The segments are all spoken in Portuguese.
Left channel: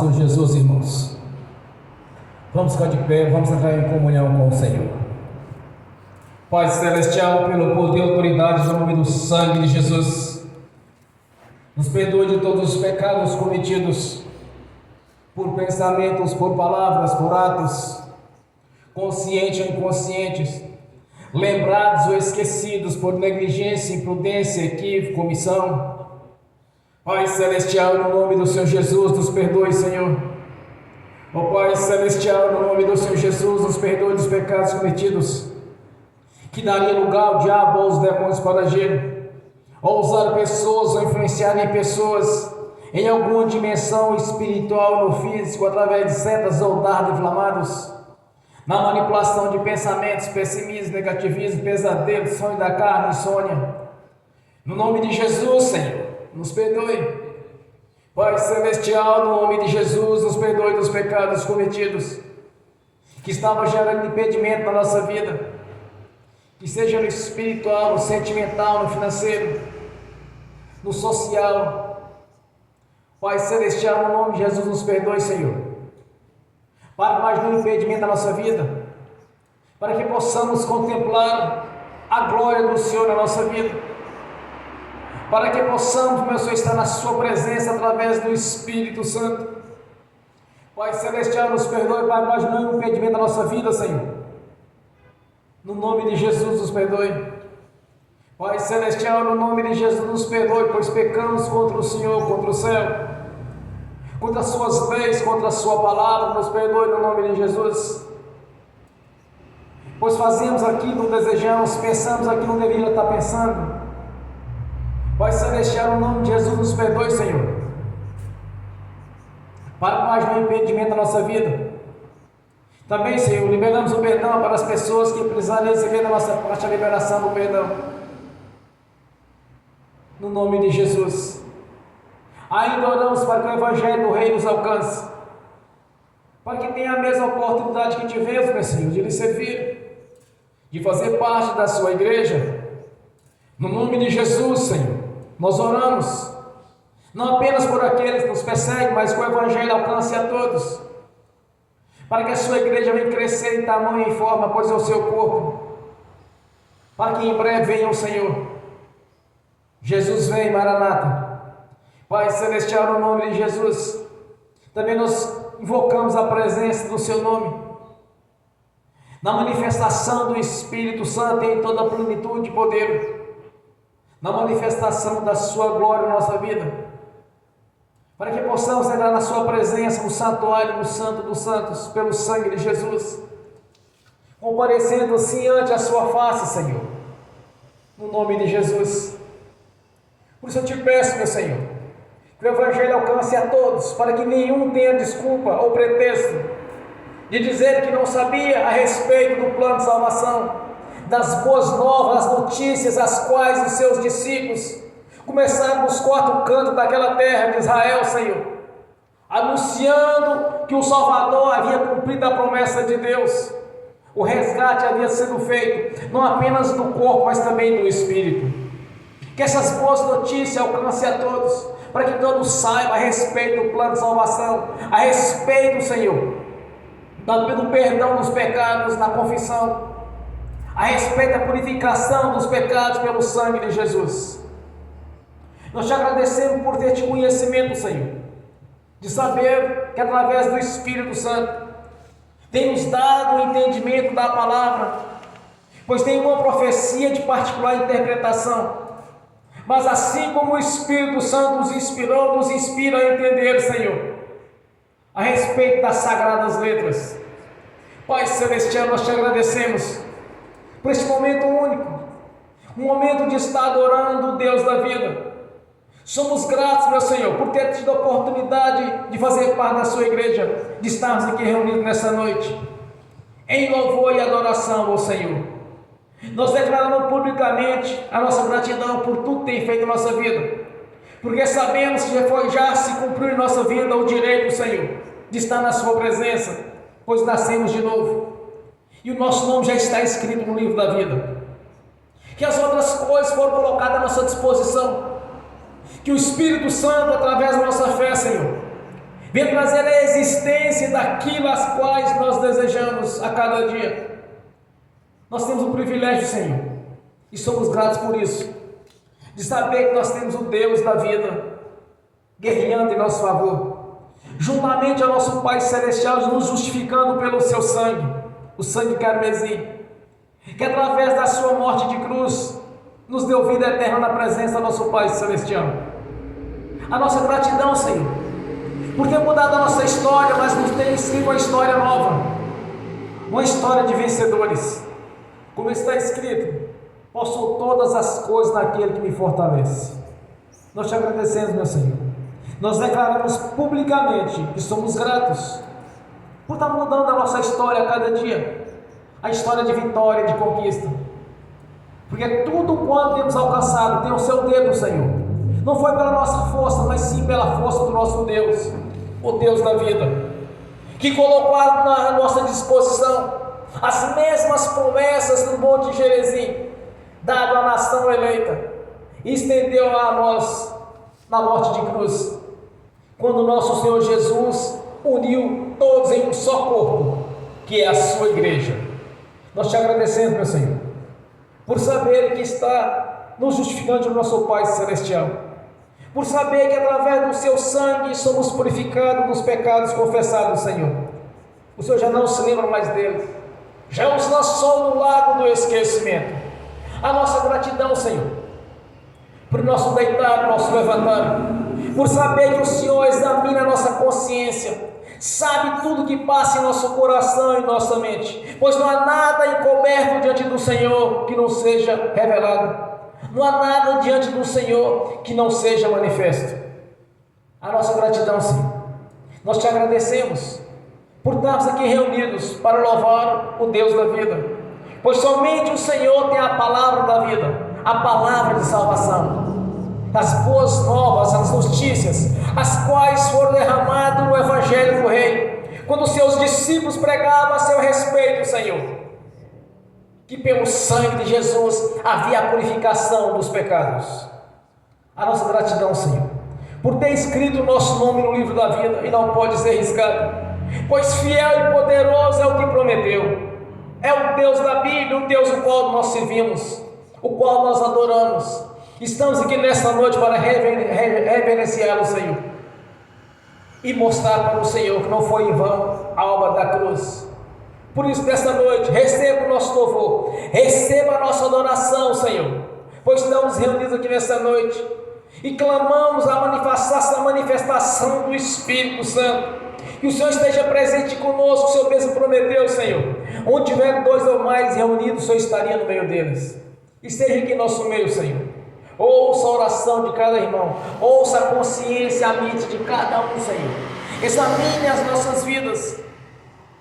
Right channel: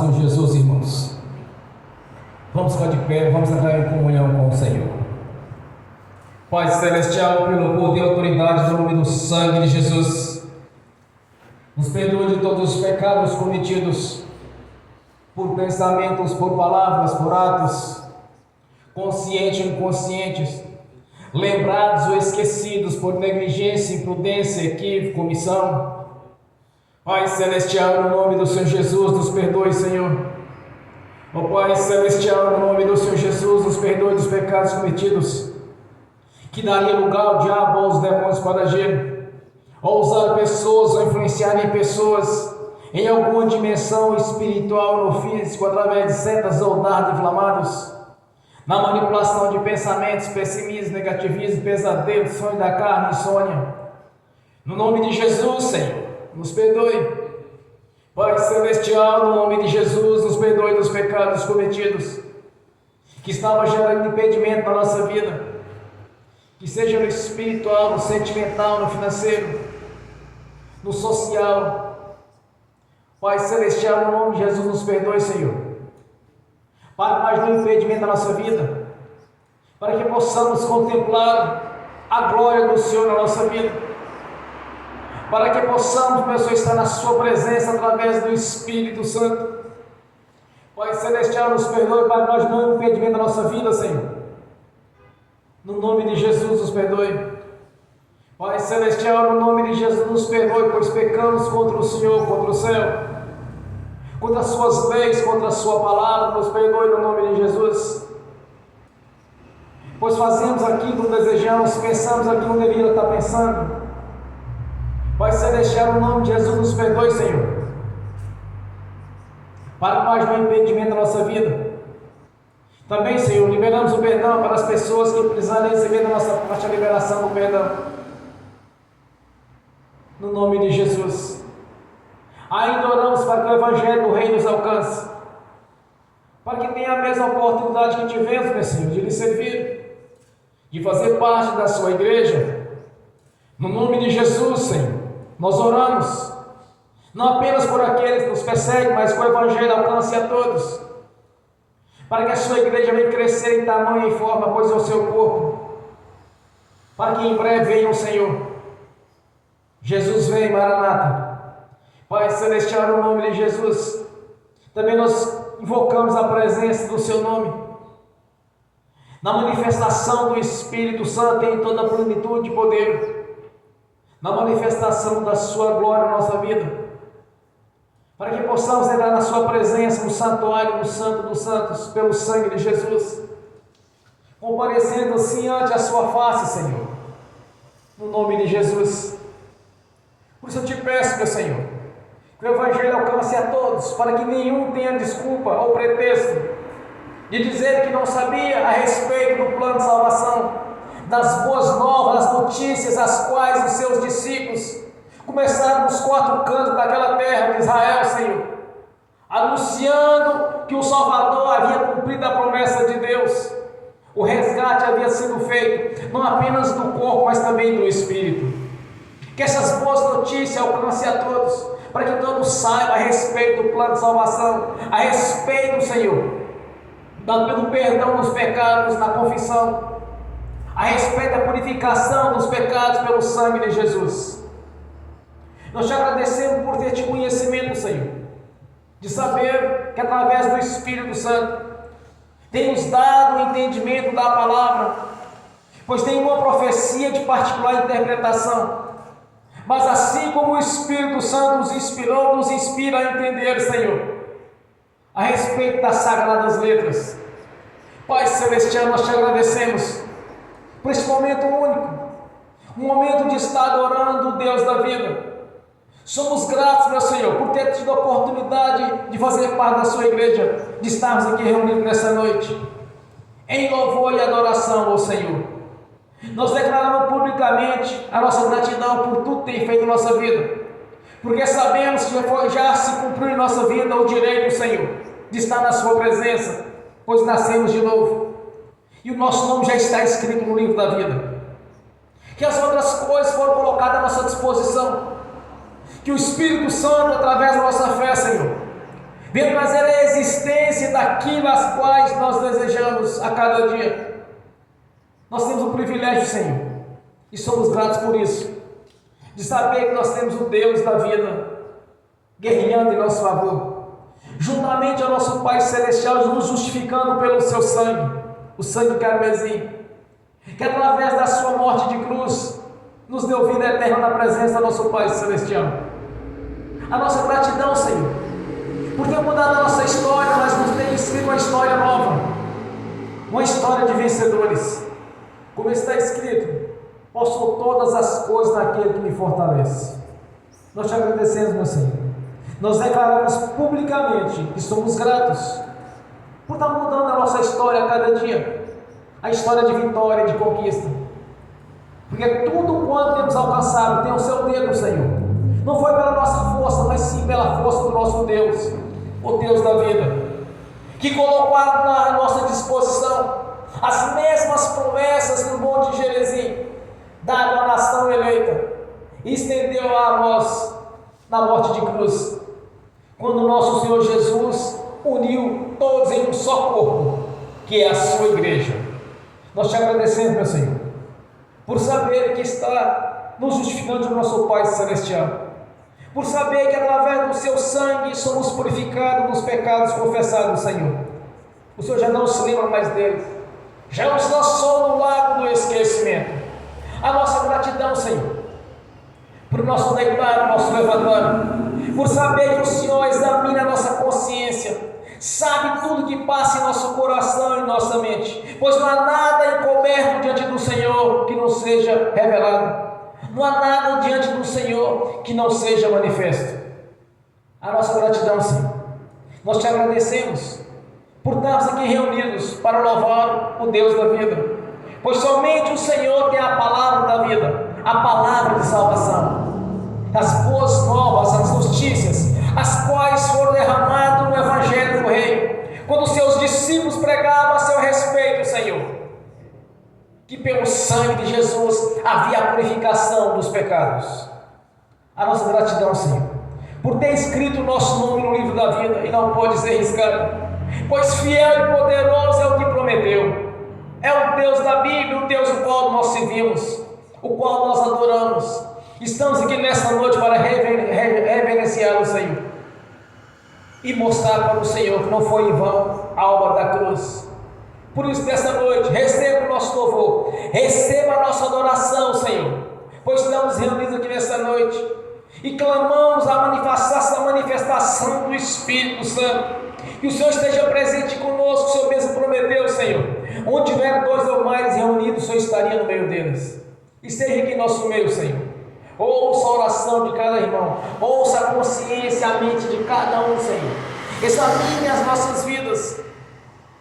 do Senhor Jesus, irmãos. Vamos ficar de pé, vamos entrar em comunhão com o Senhor. Pai Celestial, pelo poder e autoridade do nome do sangue de Jesus, nos perdoe de todos os pecados cometidos por pensamentos, por palavras, por atos, conscientes ou inconscientes, lembrados ou esquecidos por negligência, imprudência, equívoco, omissão. Pai Celestial, no nome do Senhor Jesus, nos perdoe, Senhor. Ó Pai Celestial, no nome do Senhor Jesus, nos perdoe dos pecados cometidos, que daria lugar ao diabo ou aos demônios para agir, ou usar pessoas, ou influenciar em pessoas, em alguma dimensão espiritual no físico, através de setas ou dardos inflamados, na manipulação de pensamentos, pessimismo, negativismo, pesadelo, sonho da carne, insônia. No nome de Jesus, Senhor, nos perdoe. Pai Celestial, no nome de Jesus, nos perdoe dos pecados cometidos, que estavam gerando impedimento na nossa vida, que seja no espiritual, no sentimental, no financeiro, no social. Pai Celestial, no nome de Jesus, nos perdoe, Senhor, para mais nenhum impedimento na nossa vida, para que possamos contemplar a glória do Senhor na nossa vida, para que possamos, meu Senhor, estar na sua presença através do Espírito Santo. Pai Celestial, nos perdoe para nós não impedimento da nossa vida, Senhor. No nome de Jesus, nos perdoe. Pai Celestial, no nome de Jesus, nos perdoe, pois pecamos contra o Senhor, contra o céu, contra as suas leis, contra a sua palavra. Nos perdoe no nome de Jesus, pois fazemos aquilo que não desejamos, pensamos aquilo que não deveríamos estar pensando. Pai Celestial, no nome de Jesus, nos perdoe, Senhor, para mais um impedimento da nossa vida. Também, Senhor, liberamos o perdão para as pessoas que precisarem receber da nossa parte a liberação do perdão. No nome de Jesus. Ainda oramos para que o Evangelho do Rei nos alcance, para que tenha a mesma oportunidade que tivemos, meu Senhor, de lhe servir, de fazer parte da sua igreja. No nome de Jesus, Senhor, nós oramos, não apenas por aqueles que nos perseguem, mas que o Evangelho alcance a todos, para que a sua igreja venha crescer em tamanho e forma, pois é o seu corpo, para que em breve venha o Senhor. Jesus vem, Maranata. Pai Celestial, no nome de Jesus, também nós invocamos a presença do seu nome, na manifestação do Espírito Santo em toda a plenitude de poder, na manifestação da sua glória na nossa vida, para que possamos entrar na sua presença, no santuário do Santo dos Santos, pelo sangue de Jesus, comparecendo assim ante a sua face, Senhor, no nome de Jesus. Por isso eu te peço, meu Senhor, que o Evangelho alcance a todos, para que nenhum tenha desculpa ou pretexto de dizer que não sabia a respeito do plano de salvação, das boas novas, das notícias as quais os seus discípulos começaram nos quatro cantos daquela terra de Israel, Senhor, anunciando que o Salvador havia cumprido a promessa de Deus, o resgate havia sido feito, não apenas do corpo, mas também do Espírito. Que essas boas notícias alcancem a todos, para que todos saibam a respeito do plano de salvação, a respeito, Senhor, do perdão dos pecados, da confissão, a respeito da purificação dos pecados pelo sangue de Jesus. Nós te agradecemos por ter te conhecimento, Senhor, de saber que através do Espírito Santo tem nos dado o entendimento da palavra, pois tem uma profecia de particular interpretação, mas assim como o Espírito Santo nos inspirou, nos inspira a entender, Senhor, a respeito das sagradas letras. Pai Celestial, nós te agradecemos por esse momento único, um momento de estar adorando o Deus da vida. Somos gratos, meu Senhor, por ter tido a oportunidade de fazer parte da sua igreja, de estarmos aqui reunidos nessa noite, em louvor e adoração ao Senhor. Nós declaramos publicamente a nossa gratidão por tudo que tem feito em nossa vida, porque sabemos que já se cumpriu em nossa vida o direito, Senhor, de estar na sua presença, pois nascemos de novo, e o nosso nome já está escrito no livro da vida. Que as outras coisas foram colocadas à nossa disposição, que o Espírito Santo, através da nossa fé, Senhor, venha trazer a existência daquilo às quais nós desejamos a cada dia. Nós temos o privilégio, Senhor, e somos gratos por isso, de saber que nós temos o Deus da vida guerreando em nosso favor, juntamente ao nosso Pai Celestial, nos justificando pelo seu sangue, o sangue carmesim, que através da sua morte de cruz nos deu vida eterna na presença do nosso Pai Celestial. A nossa gratidão, Senhor, por ter mudado a nossa história, mas nos ter escrito uma história nova, uma história de vencedores, como está escrito: posso todas as coisas naquele que me fortalece. Nós te agradecemos, meu Senhor. Nós declaramos publicamente que somos gratos por estar mudando a nossa história a cada dia, a história de vitória e de conquista, porque tudo quanto temos alcançado tem o seu dedo, Senhor. Não foi pela nossa força, mas sim pela força do nosso Deus, o Deus da vida, que colocou à nossa disposição as mesmas promessas do Monte Gerizim, dado à nação eleita, e estendeu a nós na morte de cruz, quando nosso Senhor Jesus uniu todos em um só corpo, que é a sua igreja. Nós te agradecemos, meu Senhor, por saber que está nos justificando o nosso Pai Celestial, por saber que através do seu sangue somos purificados dos pecados confessados, Senhor. O Senhor já não se lembra mais deles, já nos lançou no lago do esquecimento. A nossa gratidão, Senhor, por nosso deitar, nosso levantar, por saber que o Senhor examina a nossa consciência, sabe tudo que passa em nosso coração e nossa mente, pois não há nada encoberto diante do Senhor que não seja revelado, não há nada diante do Senhor que não seja manifesto. A nossa gratidão, Senhor, nós te agradecemos por estarmos aqui reunidos para louvar o Deus da vida, pois somente o Senhor tem a palavra da vida, a palavra de salvação, as boas novas, as notícias, as quais foram derramadas no Evangelho do Rei, quando seus discípulos pregavam a seu respeito, Senhor, que pelo sangue de Jesus havia a purificação dos pecados. A nossa gratidão, Senhor, por ter escrito o nosso nome no livro da vida e não pode ser riscado, pois fiel e poderoso é o que prometeu. É o Deus da Bíblia, o Deus o qual nós servimos, o qual nós adoramos. Estamos aqui nesta noite para reverenciá-lo, Senhor, e mostrar para o Senhor que não foi em vão a obra da cruz. Por isso, nesta noite, receba o nosso louvor, receba a nossa adoração, Senhor, pois estamos reunidos aqui nesta noite e clamamos a manifestação do Espírito Santo. Que o Senhor esteja presente conosco. O Senhor mesmo prometeu, Senhor, onde tiver 2 ou mais reunidos, o Senhor estaria no meio deles. Esteja aqui em nosso meio, Senhor. Ouça a oração de cada irmão, ouça a consciência, a mente de cada um, Senhor. Examine as nossas vidas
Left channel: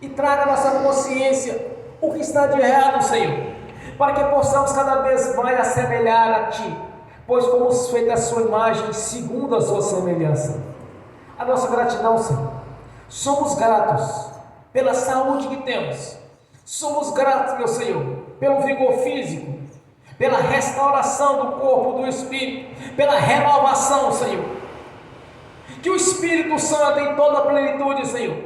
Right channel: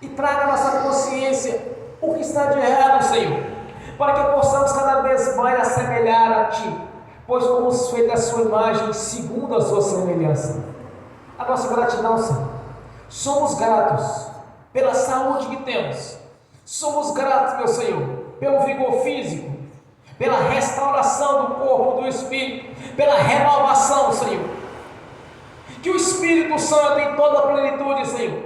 e traga à nossa consciência o que está de errado, Senhor, para que possamos cada vez mais assemelhar a Ti, pois fomos feitos à Sua imagem, segundo a Sua semelhança. A nossa gratidão, Senhor, somos gratos pela saúde que temos, somos gratos, meu Senhor, pelo vigor físico, pela restauração do corpo, do espírito, pela renovação, Senhor. Que o Espírito Santo em toda a plenitude, Senhor,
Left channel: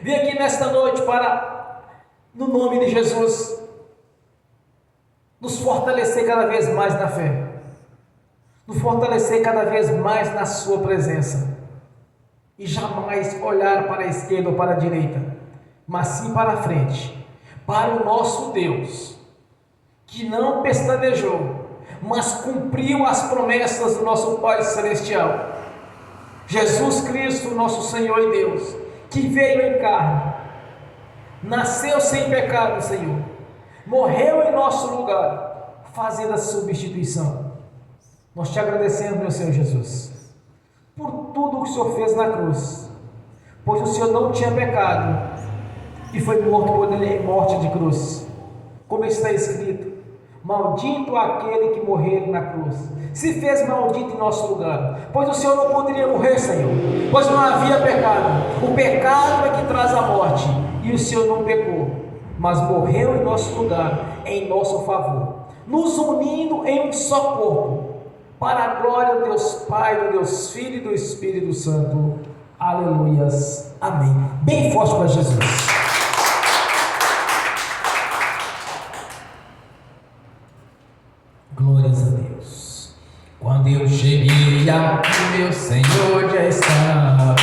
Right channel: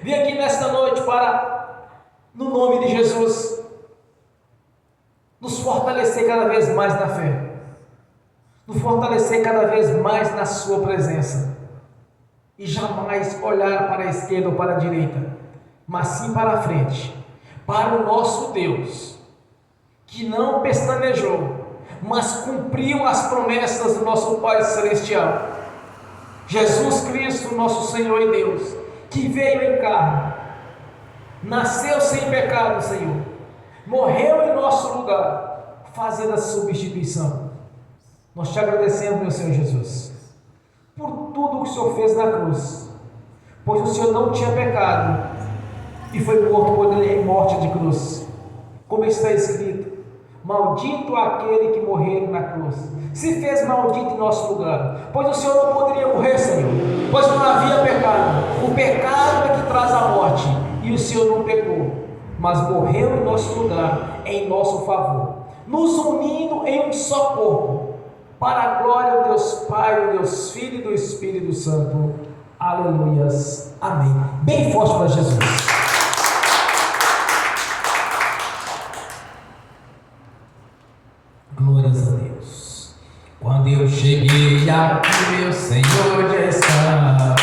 venha aqui nesta noite para, no nome de Jesus, nos fortalecer cada vez mais na fé, nos fortalecer cada vez mais na sua presença, e jamais olhar para a esquerda ou para a direita, mas sim para a frente, para o nosso Deus, que não pestanejou, mas cumpriu as promessas do nosso Pai Celestial, Jesus Cristo, nosso Senhor e Deus, que veio em carne, nasceu sem pecado, Senhor, morreu em nosso lugar, fazendo a substituição. Nós te agradecemos, meu Senhor Jesus, por tudo o que o Senhor fez na cruz, pois o Senhor não tinha pecado e foi morto por morte de cruz, como está escrito: maldito aquele que morreu na cruz, se fez maldito em nosso lugar, pois o Senhor não poderia morrer, Senhor, pois não havia pecado. O pecado é que traz a morte, e o Senhor não pecou, mas morreu em nosso lugar, em nosso favor, nos unindo em um só corpo, para a glória do Deus Pai, do Deus Filho e do Espírito Santo. Aleluias. Amém. Bem forte para Jesus. Glórias a Deus. Quando eu cheguei aqui, meu Senhor já estava.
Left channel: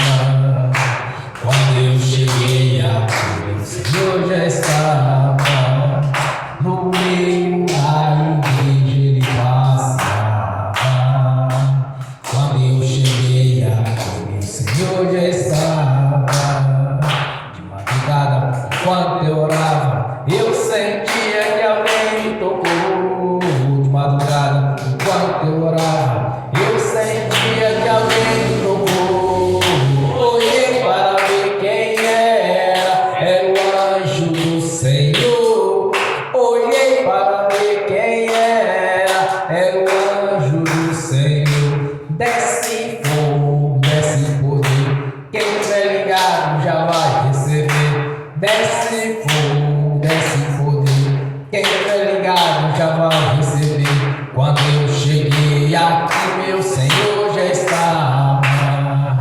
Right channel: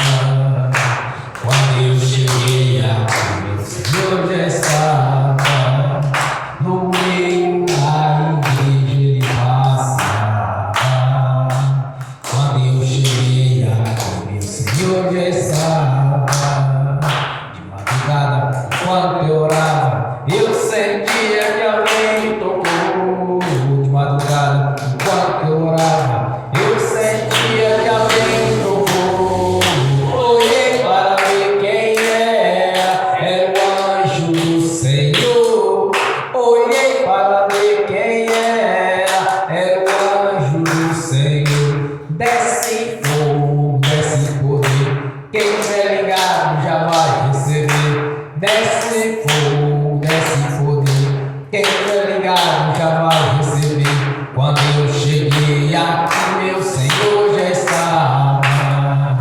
Quando eu cheguei aqui, meu Senhor já estava. No meio da igreja ele passava. Quando eu cheguei aqui, meu Senhor já estava. De madrugada, quando eu orava, eu sentia que alguém me tocou. De madrugada, enquanto eu orava, eu sentia que alguém me tocou. Olhei para ver quem era o anjo do Senhor. Olhei para ver quem era o anjo do Senhor. Desce fogo, desce poder, quem tiver ligado já vai receber. Desce fogo, desce poder, quem tiver ligado já vai receber. Quando eu cheguei aqui, meu Senhor já estava.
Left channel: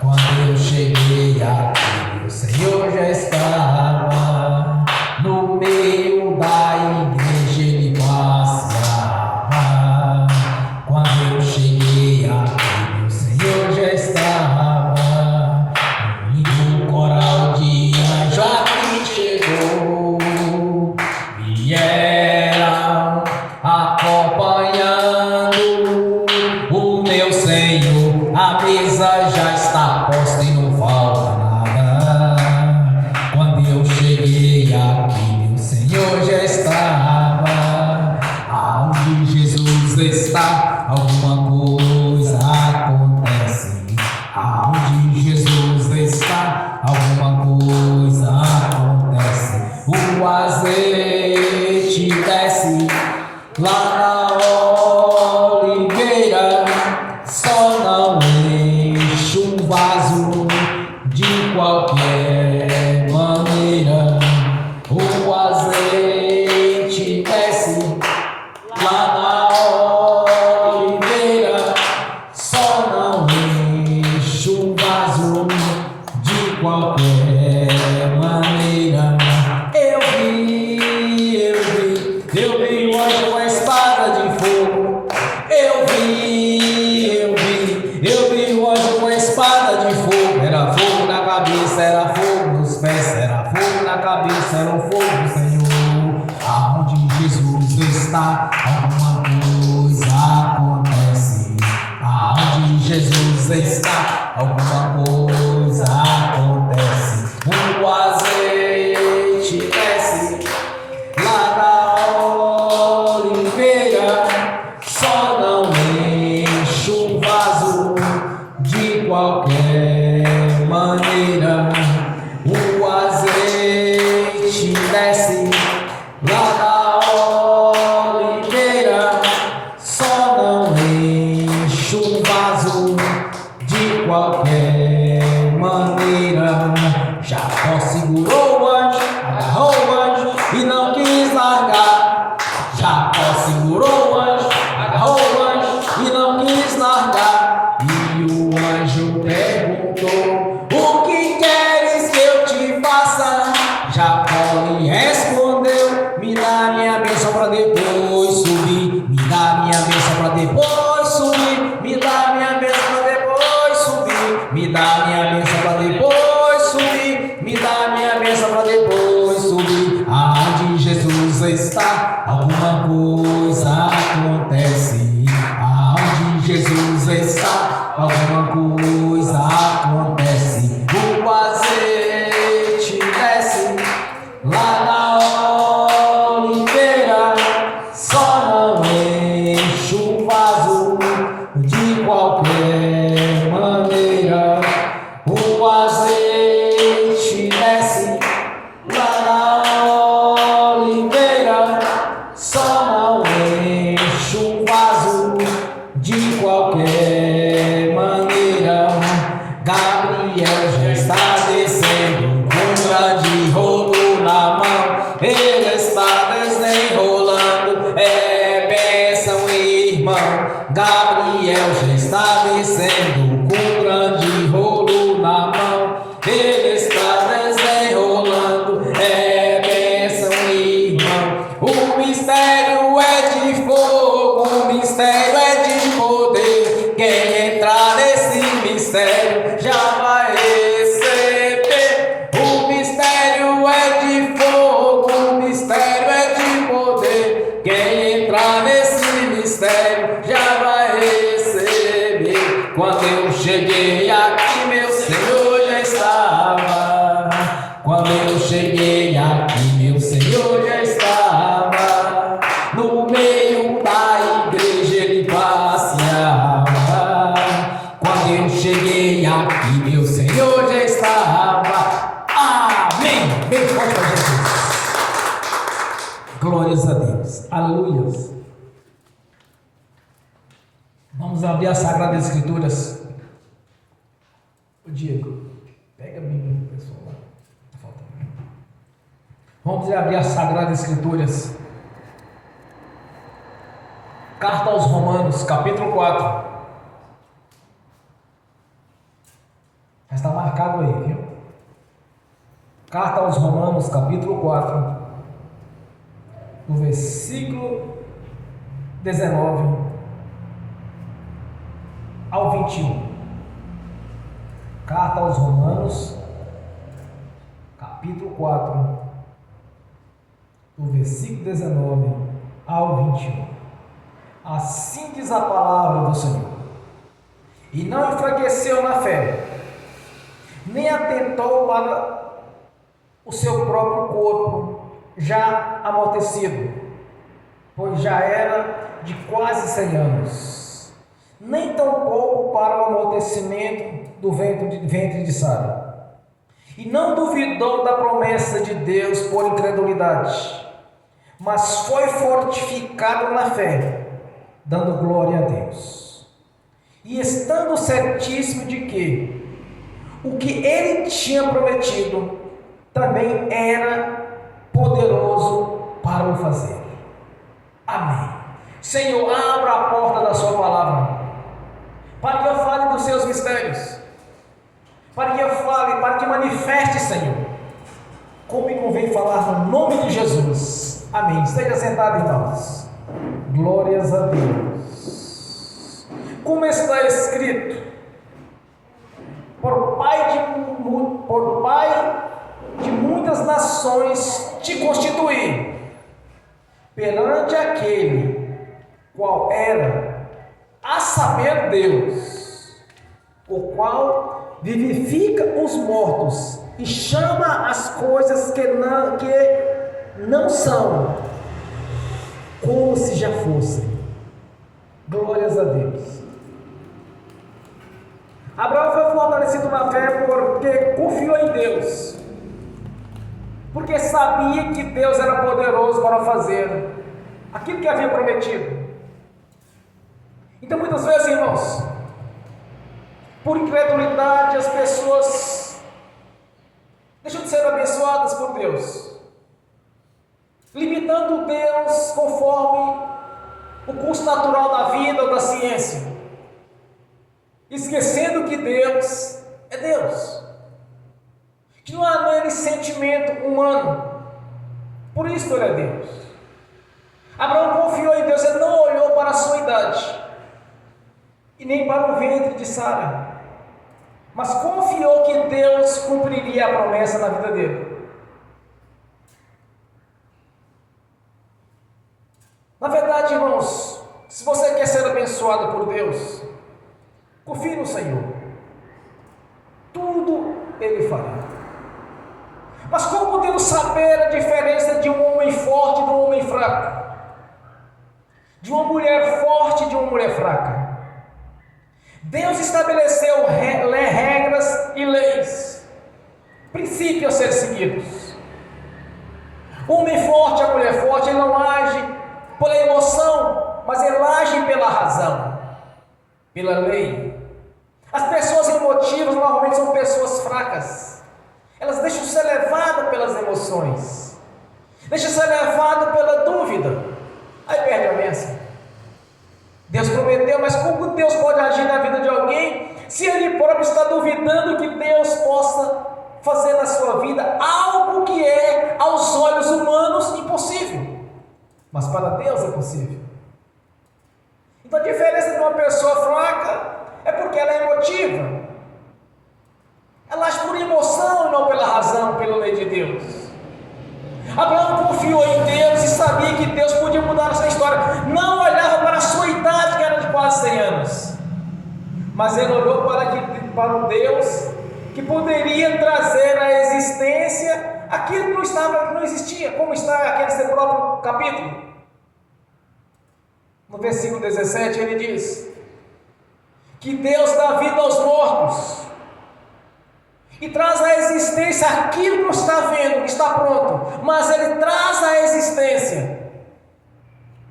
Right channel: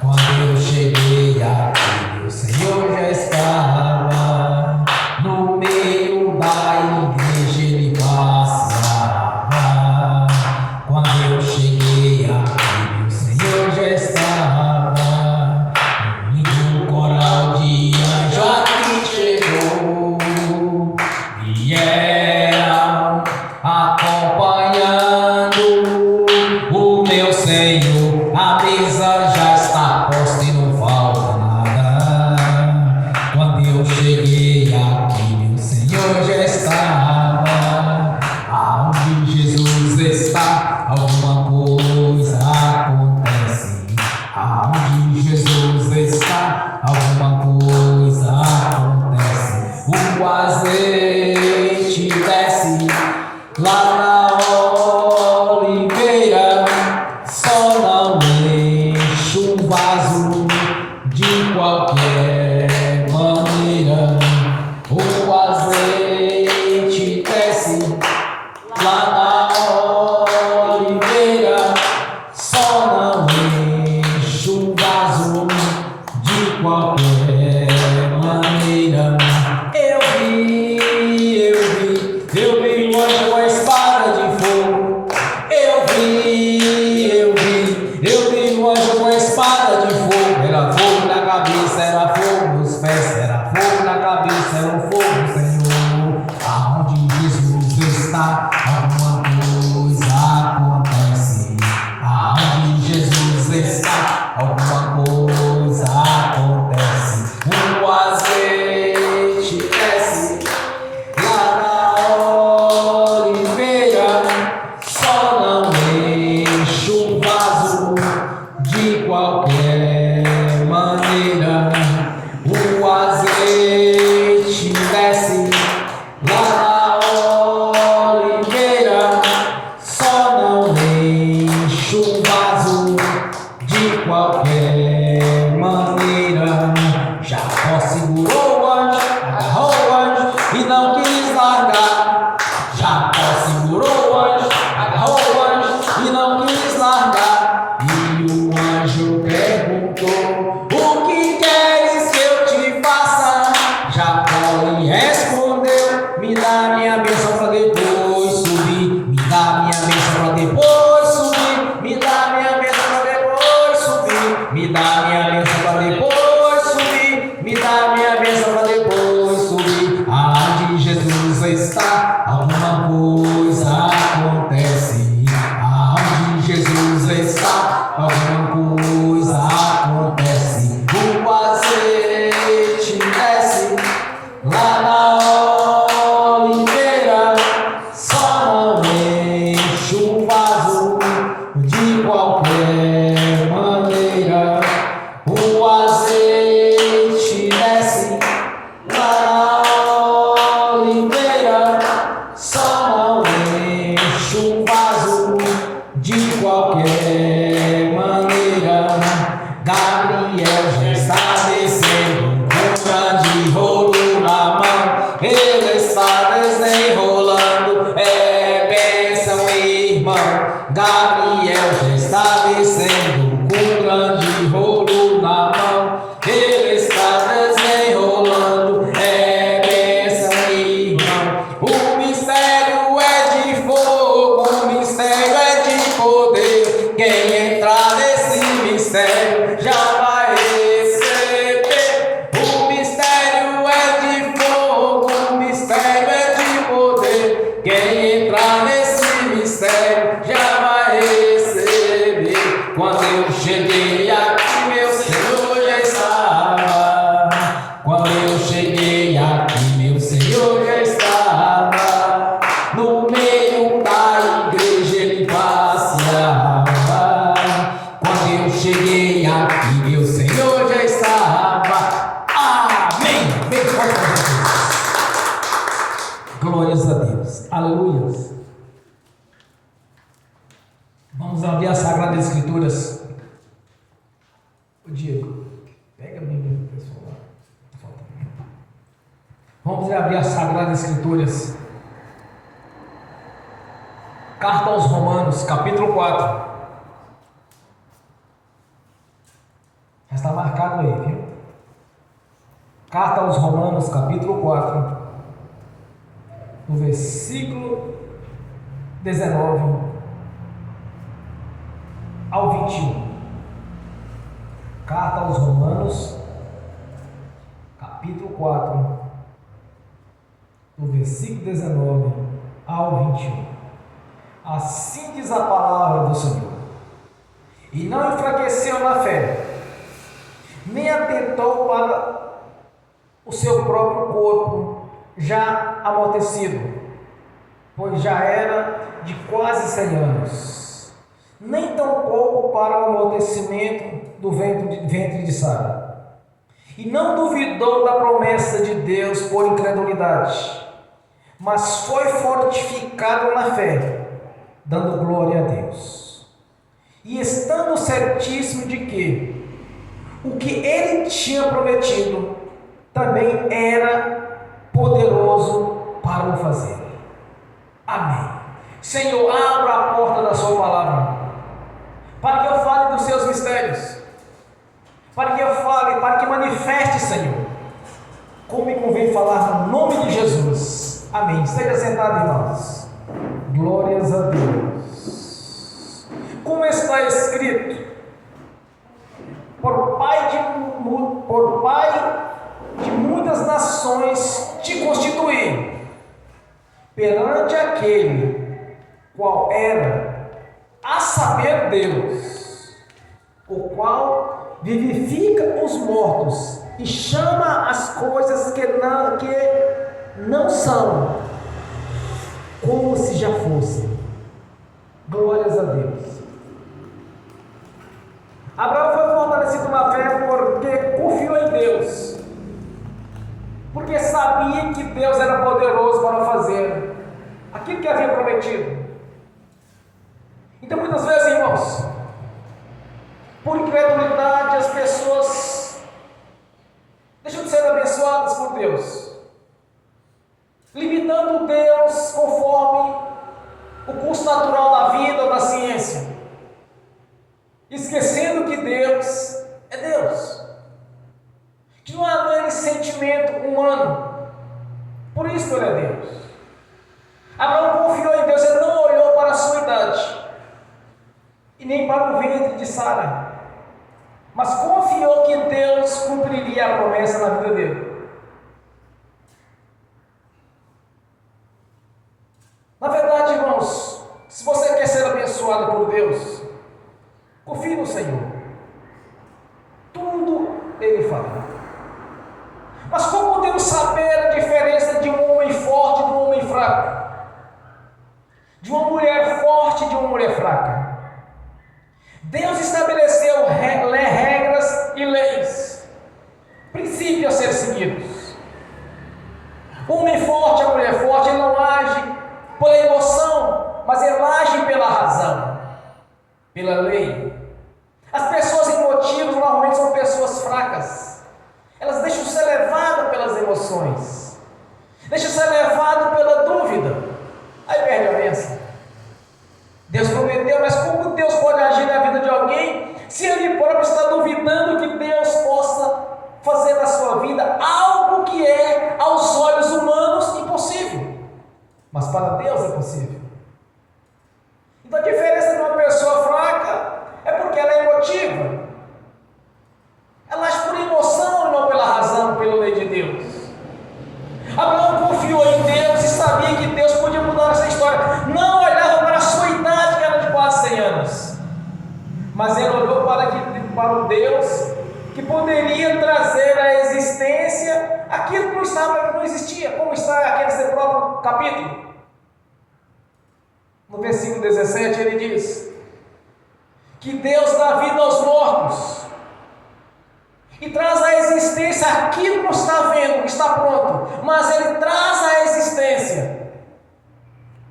Quando eu cheguei aqui, meu Senhor já estava. No meio da igreja ele passava. Quando eu cheguei aqui, meu Senhor já estava. No coral de anjo aqui chegou. Vieram acompanhando o meu Senhor. A mesa já está posta e não falta nada. Quando eu cheguei aqui, meu Senhor já estava. Aonde Jesus está, alguma coisa acontece. Aonde Jesus está, alguma coisa acontece. O azeite desce lá na oliveira, só não enche o vaso de qualquer maneira. O azeite desce lá na oliveira, só não enche o vaso de qualquer maneira. Eu vi um anjo com a espada de fogo. Eu vi um anjo com a espada de fogo. Era fogo na cabeça, era fogo nos pés, era fogo na cabeça, era o fogo do Senhor. Aonde Jesus está, alguma coisa acontece. Aonde Jesus está, alguma coisa acontece. O azeite desce lá na oliveira, só não enche o vaso de qualquer maneira. O azeite desce lá na oliveira, só não enche o vaso de qualquer maneira. Jacó segurou o anjo, agarrou o anjo e não quis largar. Jacó segurou o anjo, agarrou o anjo e não quis largar. E o anjo perguntou: o que queres que eu te faça? Jacó lhe respondeu: me dá minha bênção para depois subir. Me dá minha bênção para depois subir. Me dá minha bênção para depois subir. Me dá minha bênção para depois subir. Me dá minha bênção para depois subir. Aonde Jesus está, alguma coisa acontece. Aonde Jesus está, alguma coisa acontece. O azeite desce lá na oliveira, só não enche o vaso de qualquer maneira. O azeite desce lá na oliveira, só não enche o vaso de qualquer maneira. Gabriel já está descendo com grande rolo na mão. Ele está desenrolando, bênção, irmão. Gabriel já está descendo com grande rolo Quem entrar nesse mistério já vai receber. O mistério é de fogo, o mistério é de poder. Quem entrar nesse mistério já vai receber. Quando eu cheguei aqui, meu Senhor já estava. Quando eu cheguei aqui, meu Senhor já estava. No meio da igreja ele passeava. Quando eu cheguei aqui, meu Senhor já estava. Amém. Bem forte para Jesus. Glórias a Deus. Aleluia. Vamos abrir as Sagradas Escrituras. O Diego, pega a Bíblia, pessoal. Vamos abrir as Sagradas Escrituras. Carta aos Romanos, capítulo 4. Já está marcado aí, viu? Carta aos Romanos, capítulo 4, no versículo 19 ao 21. Carta aos Romanos, capítulo 4, no versículo 19 ao 21. Assim diz a palavra do Senhor: e não enfraqueceu na fé, nem atentou para o seu próprio corpo já amortecido, pois já era de quase 100 anos, nem tampouco para o amortecimento do ventre de Sara, e não duvidou da promessa de Deus por incredulidade, mas foi fortificado na fé, dando glória a Deus, e estando certíssimo de que o que ele tinha prometido também era poderoso para o fazer. Amém. Senhor, abra a porta da sua palavra, para que eu fale dos seus mistérios, para que eu fale, para que manifeste, Senhor, como me convém falar no nome de Jesus. Amém. Esteja sentado, irmãos. Glórias a Deus. Como está escrito: por pai de muitas nações te constituí, perante aquele qual era, a saber, Deus, o qual vivifica os mortos e chama as coisas que não são, como se já fossem. Glórias a Deus. Abraão foi fortalecido na fé porque confiou em Deus, porque sabia que Deus era poderoso para fazer aquilo que havia prometido. Então, muitas vezes, irmãos, por incredulidade, as pessoas deixam de ser abençoadas por Deus, limitando Deus conforme o curso natural da vida ou da ciência, esquecendo que Deus é Deus, que não há nele sentimento humano, por isso que ele é Deus. Abraão confiou em Deus, ele não olhou para a sua idade e nem para o ventre de Sara, mas confiou que Deus cumpriria a promessa na vida dele. Na verdade, irmãos, se você quer ser abençoado por Deus, confie no Senhor. Tudo Ele fará. Mas como podemos saber a diferença de um homem forte e de um homem fraco? De uma mulher forte e de uma mulher fraca? Deus estabeleceu regras e leis, princípios a ser seguidos. O homem forte e a mulher forte, ele não age pela emoção, mas ele age pela razão, pela lei. As pessoas emotivas normalmente são pessoas fracas. Elas deixam ser levadas pelas emoções, deixam ser levadas pela dúvida, aí perde a bênção. Deus prometeu, mas como Deus pode agir na vida de alguém se ele próprio está duvidando que Deus possa fazer na sua vida algo que é aos olhos humanos impossível, mas para Deus é possível? Então a diferença de uma pessoa fraca mas ele olhou para o Deus que poderia trazer à existência aquilo que não existia, como está aqui nesse próprio capítulo. No versículo 17 ele diz que Deus dá vida aos mortos e traz à existência aquilo que não está vendo, que está pronto, mas ele traz à existência,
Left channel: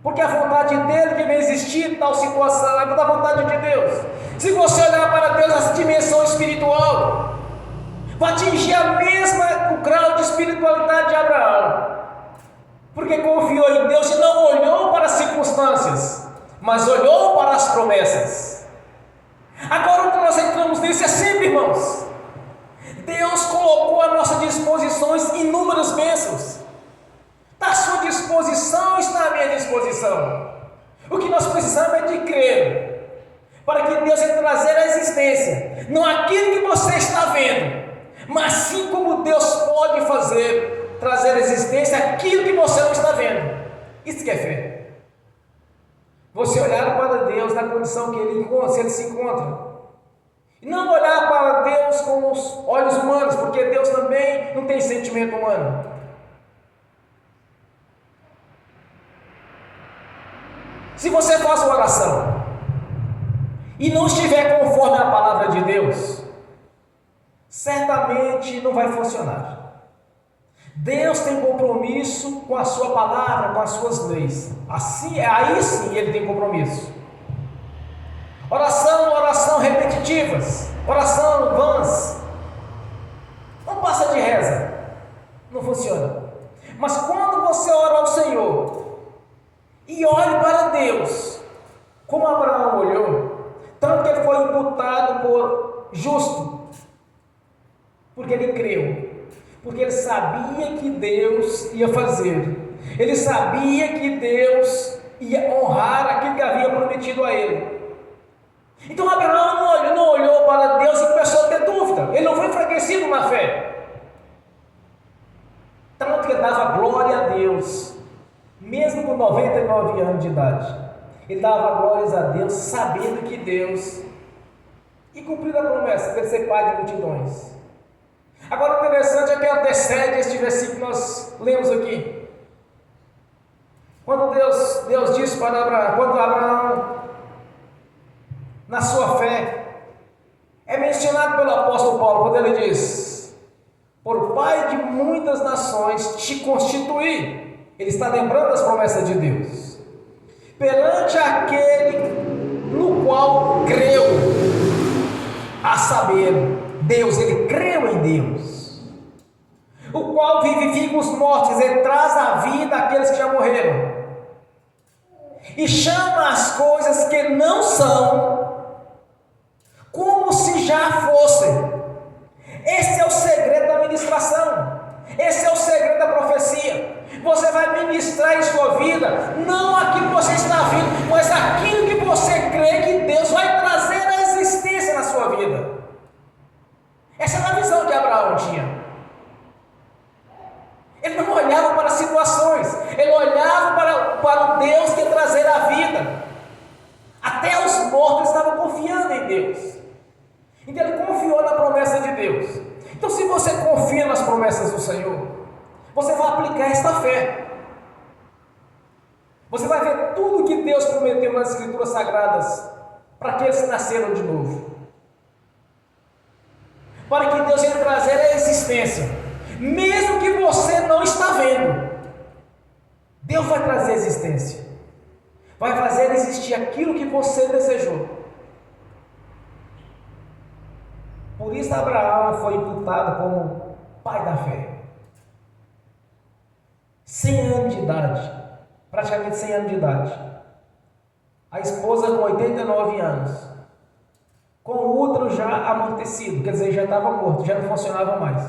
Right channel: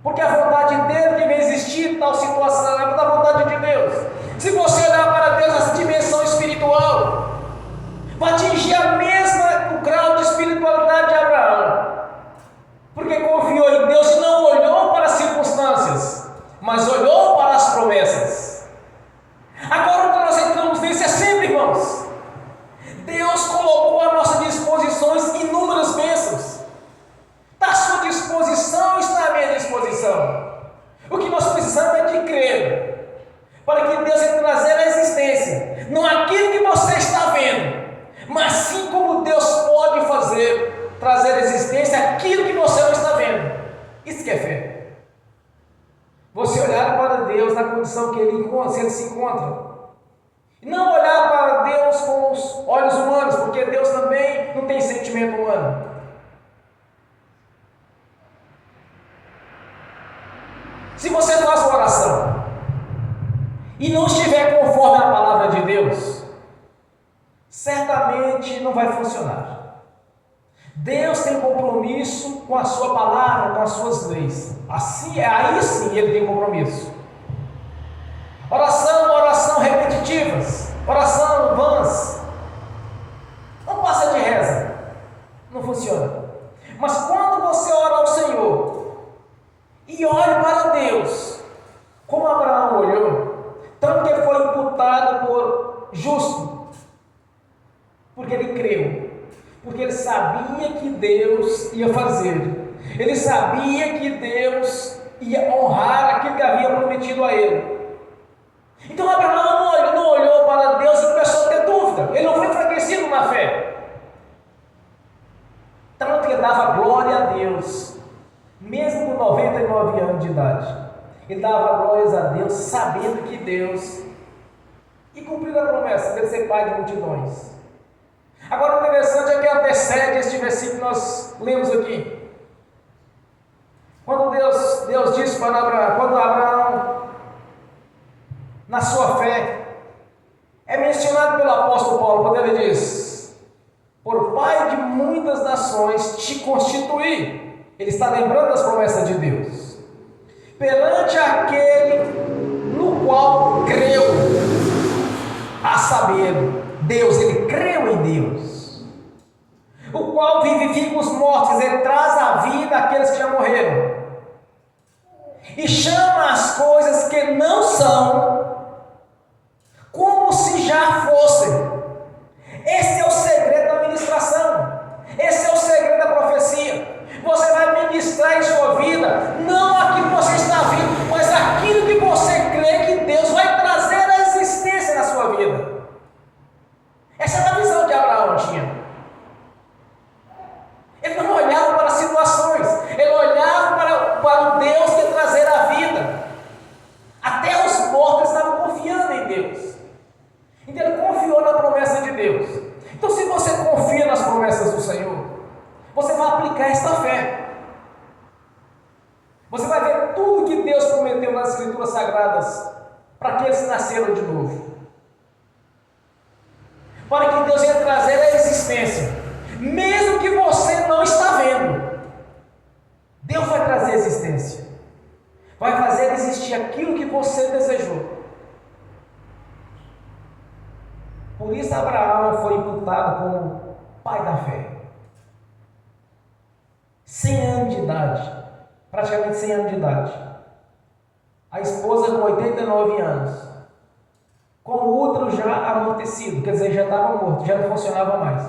porque a vontade dele que vai existir tal situação é da vontade de Deus. Se você olhar para Deus, essa dimensão espiritual vai atingir o grau de espiritualidade de Abraão, porque confiou em Deus e não olhou para as circunstâncias, mas olhou para as promessas. Agora que nós entramos nisso, é sempre, irmãos, Deus colocou à nossa disposição inúmeras bênçãos. Da sua disposição está à minha disposição. O que nós precisamos é de crer, para que Deus venha trazer à existência, não aquilo que você está vendo, mas sim como Deus pode fazer, trazer à existência aquilo que você não está vendo. Isso que é fé. Você olhar para Deus na condição que Ele se encontra. E não olhar para Deus com os olhos humanos, porque Deus também não tem sentimento humano. Se você faz uma oração e não estiver conforme a palavra de Deus, certamente não vai funcionar. Deus tem compromisso com a sua palavra, com as suas leis. Aí sim Ele tem compromisso. Oração repetitivas, oração vãs, não passa de reza, não funciona. Mas quando você ora ao Senhor e olhe para Deus, como Abraão olhou, tanto que ele foi imputado por justo, porque ele creu, porque ele sabia que Deus ia fazer, ele sabia que Deus ia honrar aquilo que havia prometido a ele. Então Abraão não olhou para Deus e começou a ter dúvida, ele não foi enfraquecido na fé, tanto que dava glória a Deus, mesmo com 99 anos de idade, ele dava glórias a Deus, sabendo que Deus ia cumprir a promessa de ser pai de multidões. Agora o interessante é que antecede este versículo que nós lemos aqui. Quando Deus disse para Abraão, quando Abraão, na sua fé, é mencionado pelo apóstolo Paulo, quando ele diz: por pai de muitas nações te constituí. Ele está lembrando das promessas de Deus, perante aquele no qual creu, a saber, Deus. Ele creu em Deus, o qual vivifica os mortos, ele traz à vida aqueles que já morreram, e chama as coisas que não são, como se já fossem. Esse é o segredo da ministração, esse é o segredo da profecia. Você vai ministrar em sua vida, não aquilo que você está vendo, mas aquilo que você crê que Deus vai trazer à existência na sua vida. Essa é a visão que Abraão tinha. Ele não olhava para as situações, ele olhava para o Deus que ia trazer a vida. Até os mortos estavam confiando em Deus. Então ele confiou na promessa de Deus. Então, se você confia nas promessas do Senhor, você vai aplicar esta fé. Você vai ver tudo que Deus prometeu nas Escrituras Sagradas para aqueles que nasceram de novo, para que Deus venha trazer a existência, mesmo que você não está vendo. Deus vai trazer a existência, vai fazer existir aquilo que você desejou. Por isso Abraão foi imputado como pai da fé. 100 anos de idade, praticamente 100 anos de idade. A esposa com 89 anos, com o útero já amortecido, quer dizer, já estava morto, já não funcionava mais.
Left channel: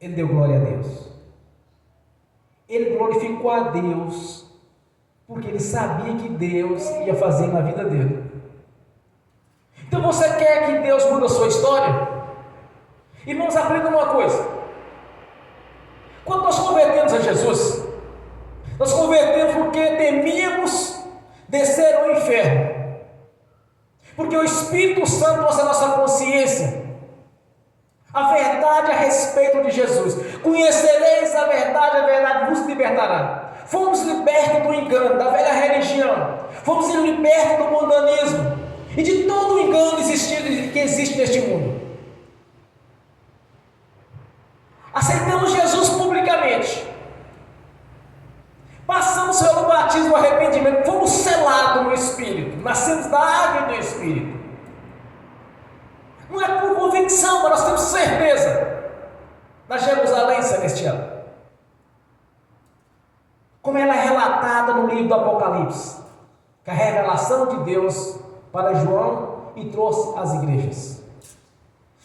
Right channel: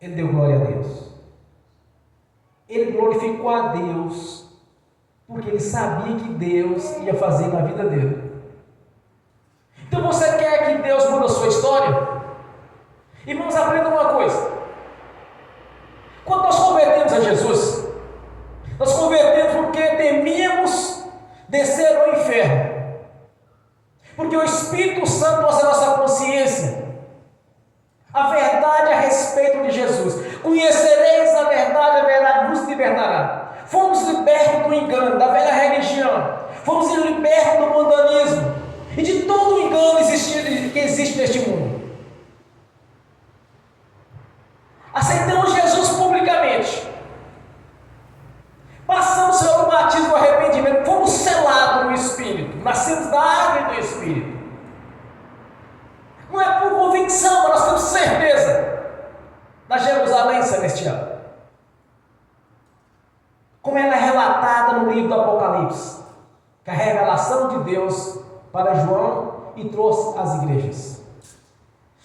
Ele deu glória a Deus. Ele glorificou a Deus, porque ele sabia que Deus ia fazer na vida dele. Então você quer que Deus mude a sua história? Irmãos, aprendam uma coisa. Quando nós convertemos a Jesus, nós convertemos porque temíamos descer ao inferno. Porque o Espírito Santo trouxe a nossa consciência a verdade a respeito de Jesus. Conhecereis a verdade vos libertará. Fomos libertos do engano, da velha religião. Fomos libertos do mundanismo e de todo o engano que existe neste mundo. Aceitamos Jesus publicamente. Passamos pelo batismo do arrependimento. Fomos selados no Espírito. Nascemos da água e do Espírito. Não é por convicção, mas nós temos certeza na Jerusalém celestial. Como ela é relatada no livro do Apocalipse, que é a revelação de Deus para João e trouxe às igrejas.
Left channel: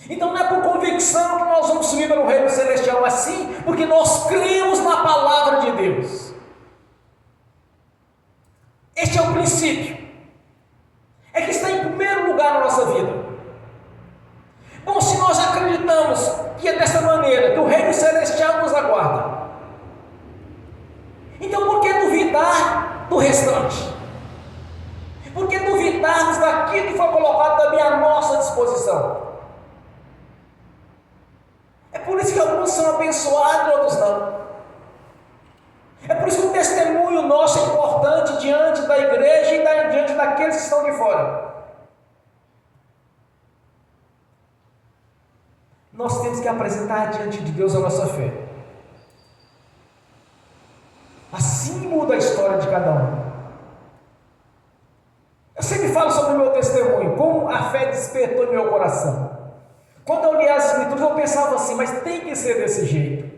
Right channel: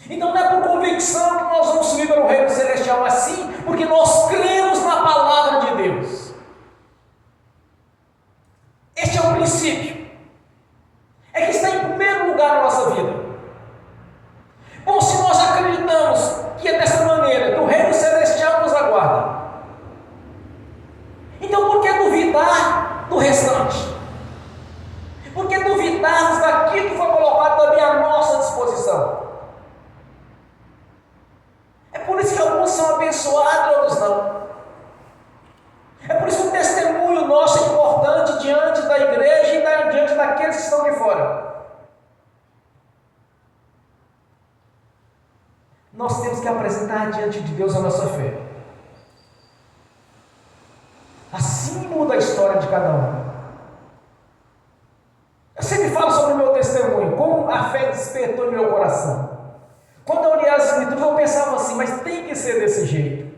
Então não é por convicção que nós vamos subir para o reino celestial, assim, porque nós cremos na palavra de Deus. Este é o princípio. É que está em primeiro lugar na nossa vida. Bom, se nós acreditamos que é dessa maneira que o reino celestial nos aguarda, então por que duvidar do restante? Por que duvidarmos daquilo que foi colocado também à nossa disposição? É por isso que alguns são abençoados e outros não. É por isso que o testemunho nosso é importante diante da igreja e diante daqueles que estão de fora. Nós temos que apresentar diante de Deus a nossa fé. Assim muda a história de cada um. Eu sempre falo sobre o meu testemunho, como a fé despertou no meu coração. Quando eu li as Escrituras, eu pensava assim, mas tem que ser desse jeito.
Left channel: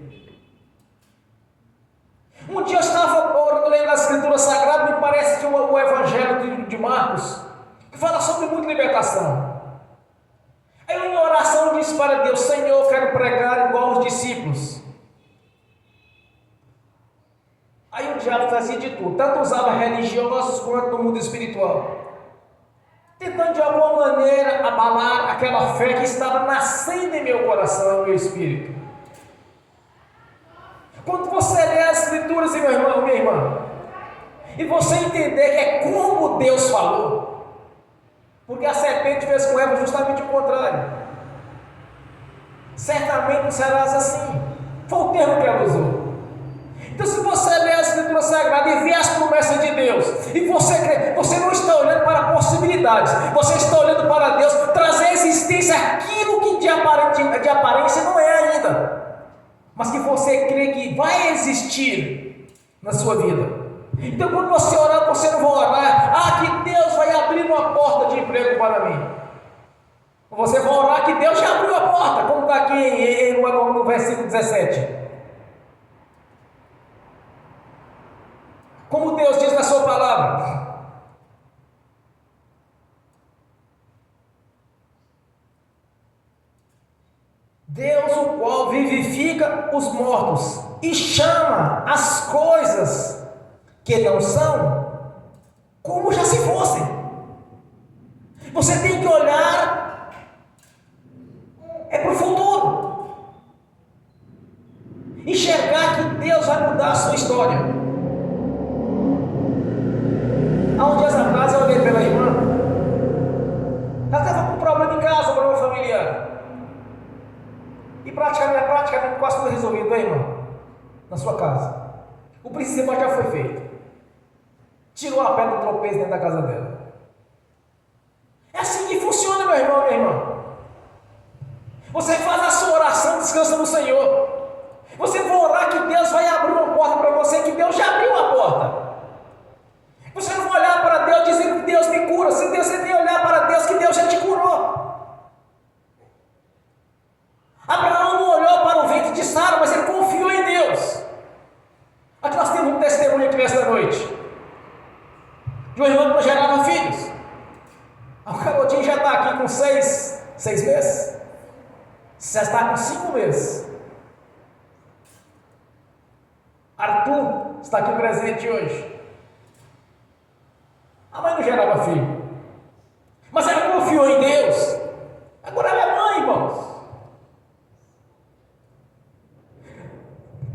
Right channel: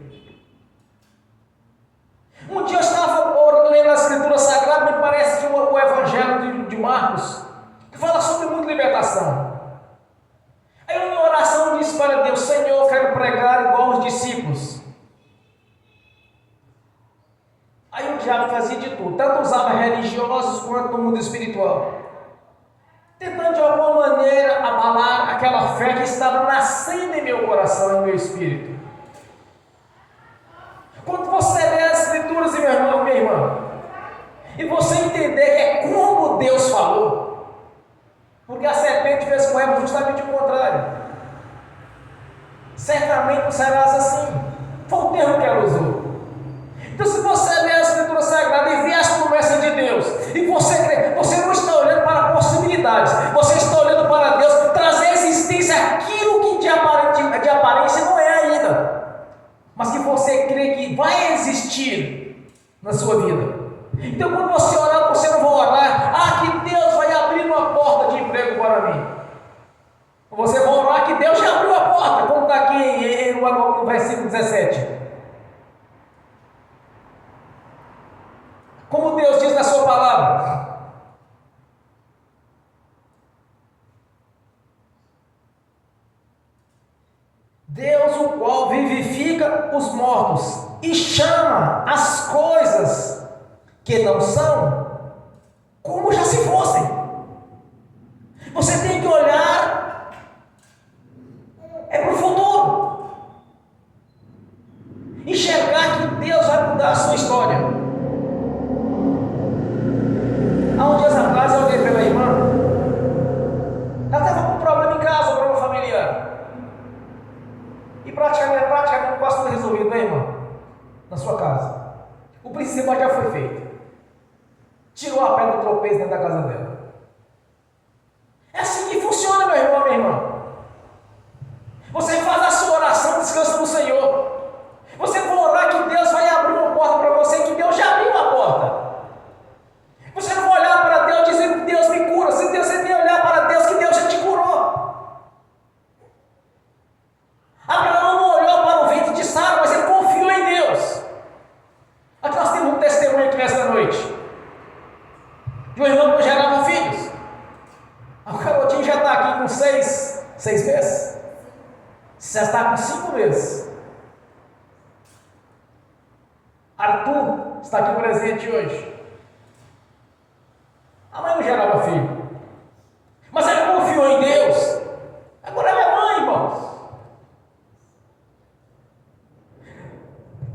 Um dia eu estava lendo a Escritura Sagrada, me parece que o Evangelho de Marcos, que fala sobre muita libertação. Aí eu, em oração, disse para Deus: Senhor, eu quero pregar igual aos discípulos. Aí o diabo fazia de tudo, tanto usava religiosos quanto no mundo espiritual, tentando de alguma maneira abalar aquela fé que estava nascendo em meu coração, em meu espírito. Quando você lê as Escrituras, meu irmão, minha irmã, e você entender que é como Deus falou, porque a serpente fez com Eva justamente o contrário. Certamente não serás assim. Foi o termo que ela usou. Então, se você lê a Escritura Sagrada e vê as promessas de Deus, e você crê, você não está olhando para possibilidades, você está olhando para Deus trazer à existência aquilo que de aparência não é ainda, mas que você crê que vai existir na sua vida. Então, quando você orar, você não vai orar: que Deus vai abrir uma porta de emprego para mim. Você vai orar que Deus já abriu a porta, como está aqui no versículo 17. Como Deus diz na sua palavra: Deus, o qual vivifica os mortos e chama as coisas que não são como já se fossem. Você tem que olhar para o futuro, enxergar que Deus vai mudar a sua história. Há uns dias atrás eu olhei pela irmã, ela estava com um problema em casa, um problema familiar, e praticamente quase foi resolvido, né, irmã? Na sua casa. O principal já foi feito. Tirou a pedra do tropeço dentro da casa dela. É assim que funciona, meu irmão, minha irmã. Você faz a sua oração, descansa no Senhor. Você vai orar que Deus vai abrir uma porta para você, que Deus já abriu uma porta. Você não vai olhar para Deus dizendo que Deus me cura. Você tem que olhar para Deus que Deus já te curou. Abraão não olhou para o ventre de Sara, mas ele confiou em Deus. Aqui nós temos um testemunho aqui nesta noite de uma irmã que não gerava filhos. O garotinho já está aqui com 6 meses. Já está com 5 meses. Arthur está aqui presente hoje. A mãe não gerava filho, mas ela confiou em Deus. Agora ela é mãe, irmãos.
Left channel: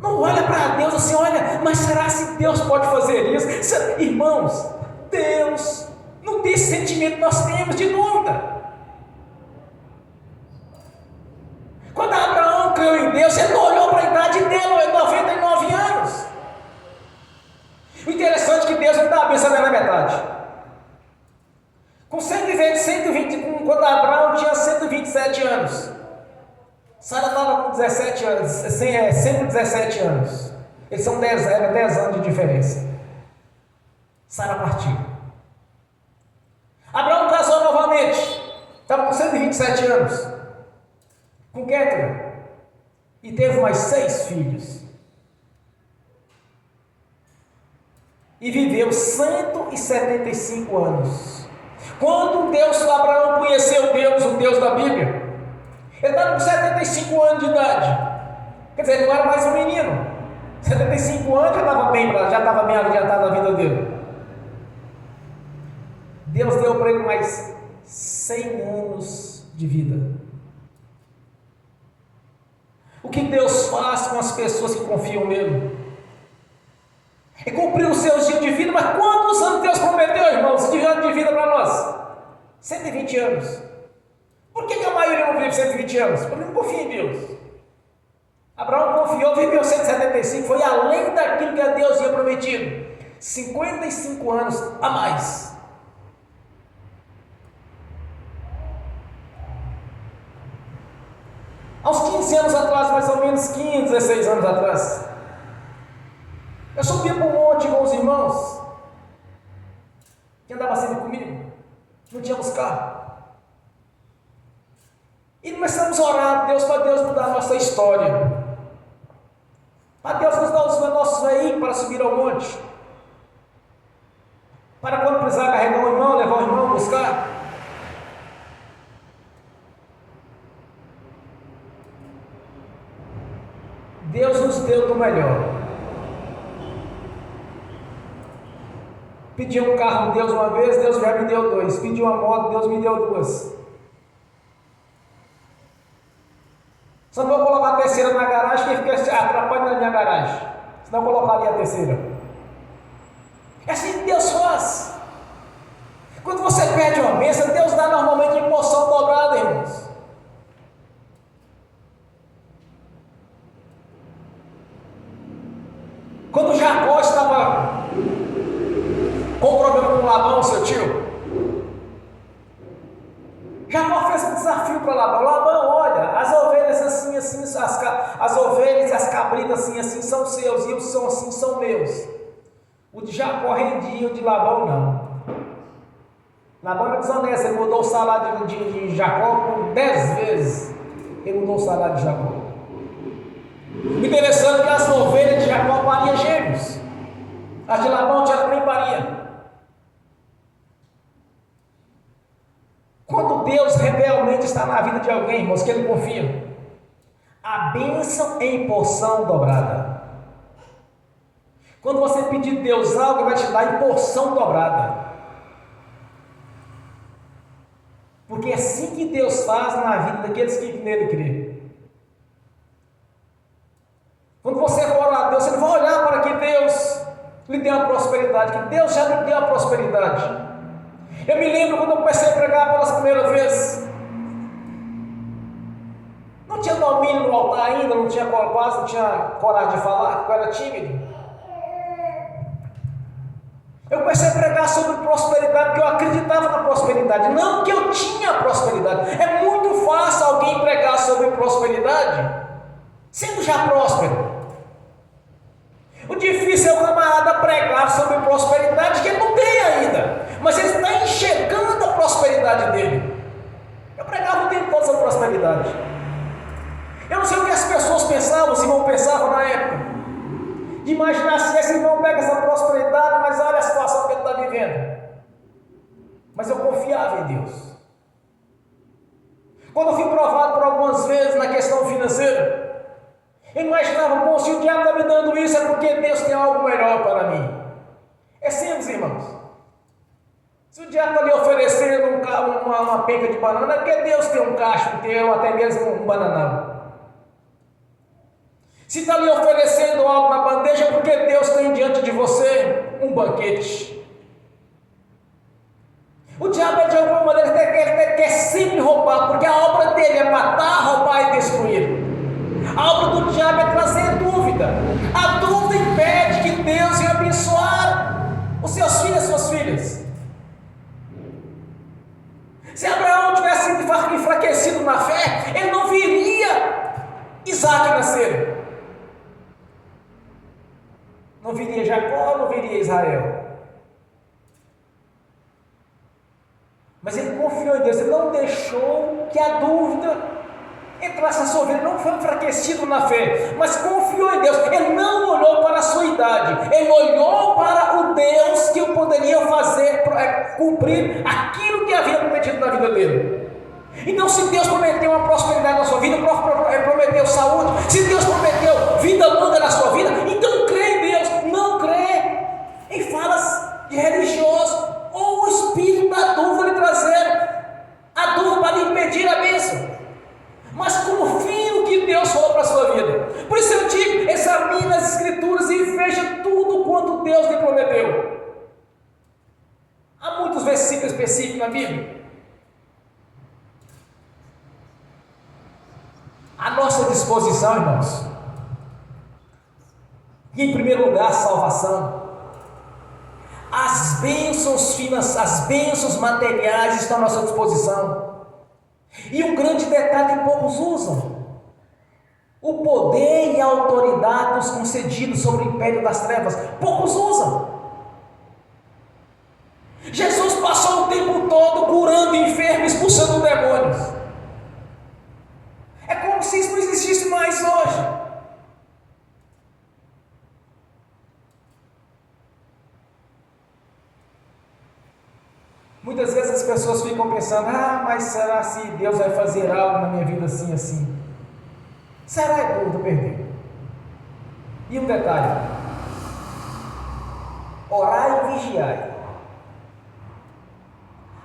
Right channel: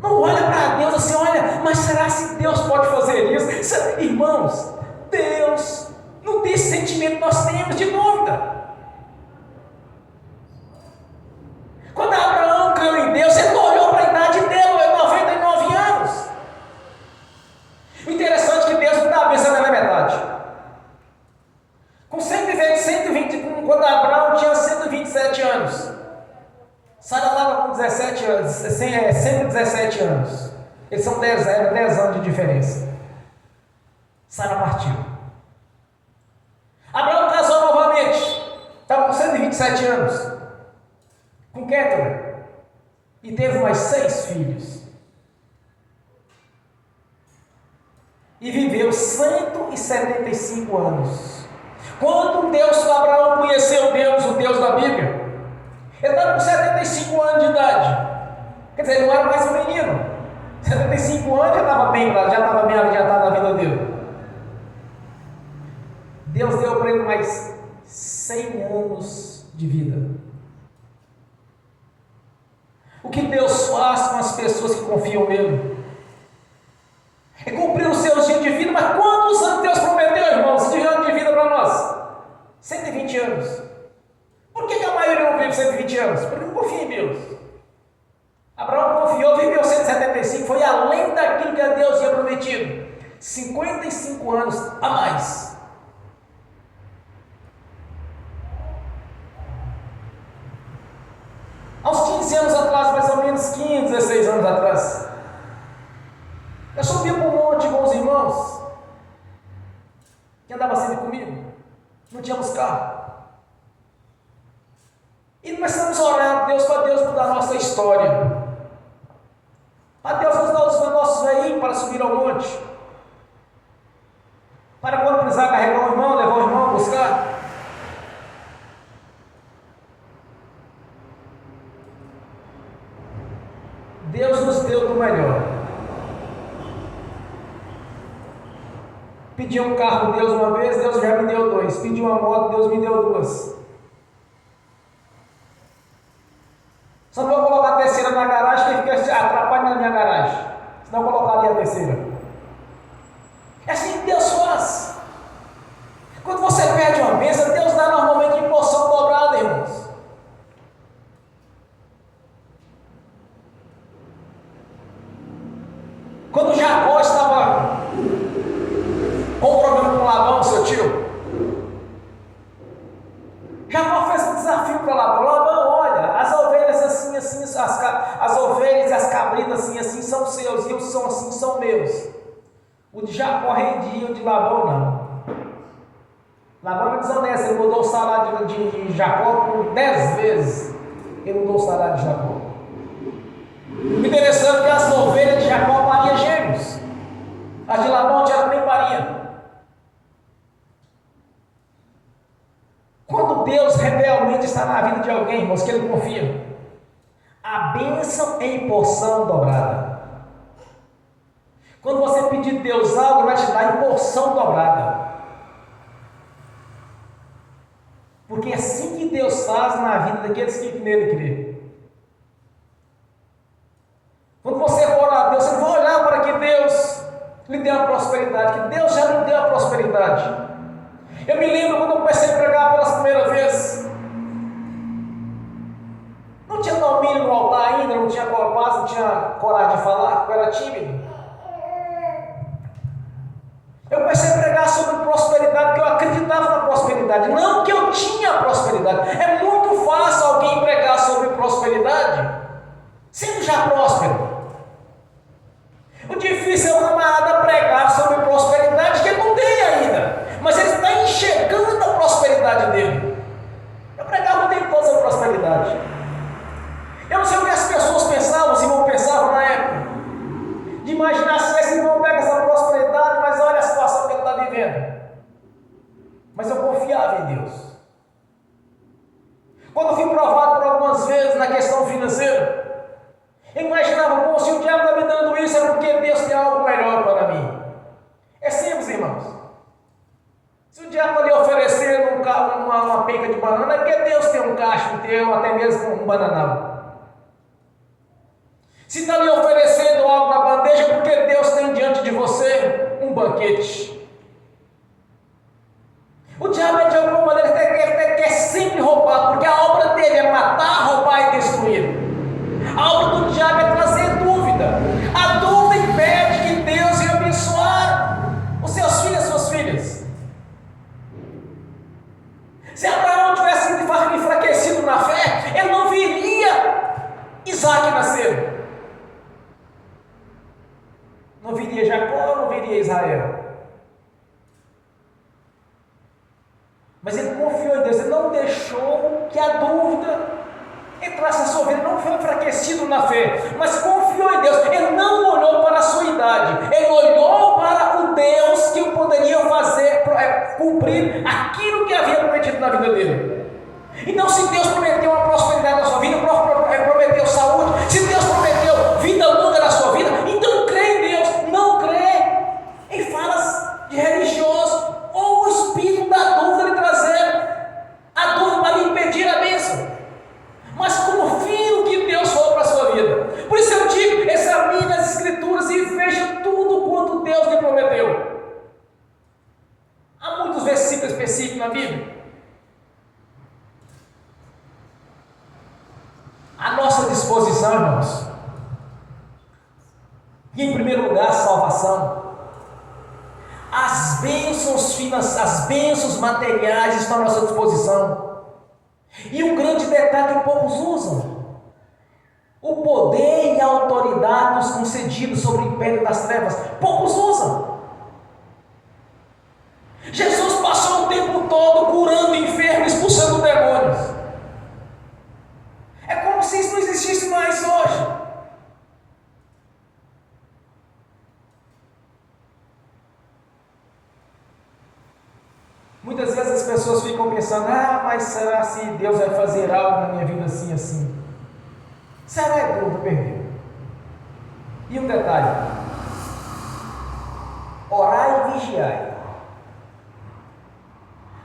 Não olha para Deus assim: olha, mas será que Deus pode fazer isso? Irmãos, Deus não tem esse sentimento que nós temos de dúvida. Deus, ele não olhou para a idade dele, 99 anos. O interessante é que Deus não dá a bênção na metade. Com 120, quando Abraão tinha 127 anos, Sara estava com 17 anos, 117 anos. Eles são 10 anos de diferença. Sara partiu. Abraão casou novamente, estava com 127 anos, com Quétura, e teve mais 6 filhos. E viveu 175 anos. Quando Abraão conheceu Deus, o Deus da Bíblia, ele estava com 75 anos de idade. Quer dizer, ele não era mais um menino. 75 anos já estava bem adiantado na vida dele. Deus deu para ele mais 100 anos de vida. O que Deus faz com as pessoas que confiam nele? É cumprir os seus dias de vida. Mas quantos anos Deus prometeu, irmãos, de anos de vida para nós? 120 anos. Por que a maioria não vive 120 anos? Porque não confia em Deus. Abraão confiou, viveu 175, foi além daquilo que Deus tinha prometido. 55 anos a mais. Aos 15 anos atrás, mais ou menos 15, 16 anos atrás, eu subia para um monte com os irmãos que andavam sempre comigo, não tínhamos carro. E começamos a orar a Deus, para Deus mudar a nossa história, para Deus nos dar os nossos veículos para subir ao monte, para quando precisar carregar o irmão, levar o irmão, buscar. Deus nos deu do melhor. Pedi um carro, Deus uma vez, Deus já me deu 2. Pedi uma moto, Deus me deu 2. Só vou colocar a terceira na garagem, que fica atrapalhando a minha garagem. Senão eu colocaria a terceira. É assim que Deus faz. Quando você pede uma bênção, Deus dá normalmente em porção dobrada, irmãos. Quando Jacó estava com problema com Labão, seu tio, Jacó fez um desafio para Labão. Labão, olha, as ovelhas assim, as ovelhas e as cabritas assim são seus, e os são assim são meus. O de Jacó rendia, o de Labão não. Labão era desonesto, ele mudou o salário de Jacó por 10 vezes. Ele mudou o salário de Jacó. Interessante que as ovelhas de Jacó pariam gêmeos, as de Labão já também pariam. Quando Deus realmente está na vida de alguém, irmãos, que ele confia, a bênção em porção dobrada. Quando você pedir a Deus algo, ele vai te dar em porção dobrada. Porque é assim que Deus faz na vida daqueles que nele crê. Quando você for orar a Deus, você não vai olhar para que Deus lhe deu a prosperidade, que Deus já lhe deu a prosperidade. Eu me lembro quando eu comecei a pregar pela primeira vez, não tinha domínio no altar ainda, quase não tinha coragem de falar, eu era tímido. Eu comecei a pregar sobre prosperidade, porque eu acreditava na prosperidade, não que eu tinha prosperidade. É muito fácil alguém pregar sobre prosperidade sendo já próspero. O difícil é o camarada pregar sobre prosperidade que ele não tem ainda, mas ele está enxergando a prosperidade dele. Eu pregava o tempo todo sobre prosperidade. Eu não sei o que as pessoas pensavam, se irmão pensava na época, de imaginar se esse irmão pega essa prosperidade, mas olha a situação que ele está vivendo. Mas eu confiava em Deus. Quando eu fui provado por algumas vezes na questão financeira, eu imaginava, bom, se o diabo está me dando isso, é porque Deus tem algo melhor para mim. É simples, irmãos. Se o diabo está lhe oferecendo uma penca de banana, é porque Deus tem um cacho inteiro, até mesmo um bananão. Se está lhe oferecendo algo na bandeja, é porque Deus tem diante de você um banquete. O diabo, de alguma maneira, quer sempre roubar, porque a obra dele é matar, roubar e destruir. A obra do Abraão tivesse enfraquecido na fé, ele não viria Isaac nascer. Não viria Jacó, não viria Israel. Mas ele confiou em Deus, ele não deixou que a dúvida entrasse na sua vida, não foi enfraquecido na fé, mas confiou em Deus. Ele não olhou para a sua idade, ele olhou para o Deus que poderia fazer, cumprir aquilo que havia prometido na vida dele. Então, se Deus prometeu uma prosperidade na sua vida, prometeu saúde, se Deus prometeu vida longa na sua vida, então crê em Deus. Não crê em falas de religioso ou o espírito da dúvida lhe trazer a dúvida para lhe impedir a bênção. Mas confie no que Deus falou para a sua vida. Por isso eu digo, examine as Escrituras e veja tudo quanto Deus lhe prometeu. Há muitos versículos específicos na Bíblia. A nossa disposição, irmãos, e em primeiro lugar a salvação, as bênçãos materiais estão à nossa disposição. E um grande detalhe que poucos usam: o poder e a autoridade nos concedidos sobre o império das trevas, poucos usam. Jesus passou o tempo todo curando enfermos, expulsando demônios. É como se isso não existisse mais hoje. Muitas vezes as pessoas ficam pensando: mas será se Deus vai fazer algo na minha vida assim, assim? Será que eu vou perder? E um detalhe: orai e vigiai.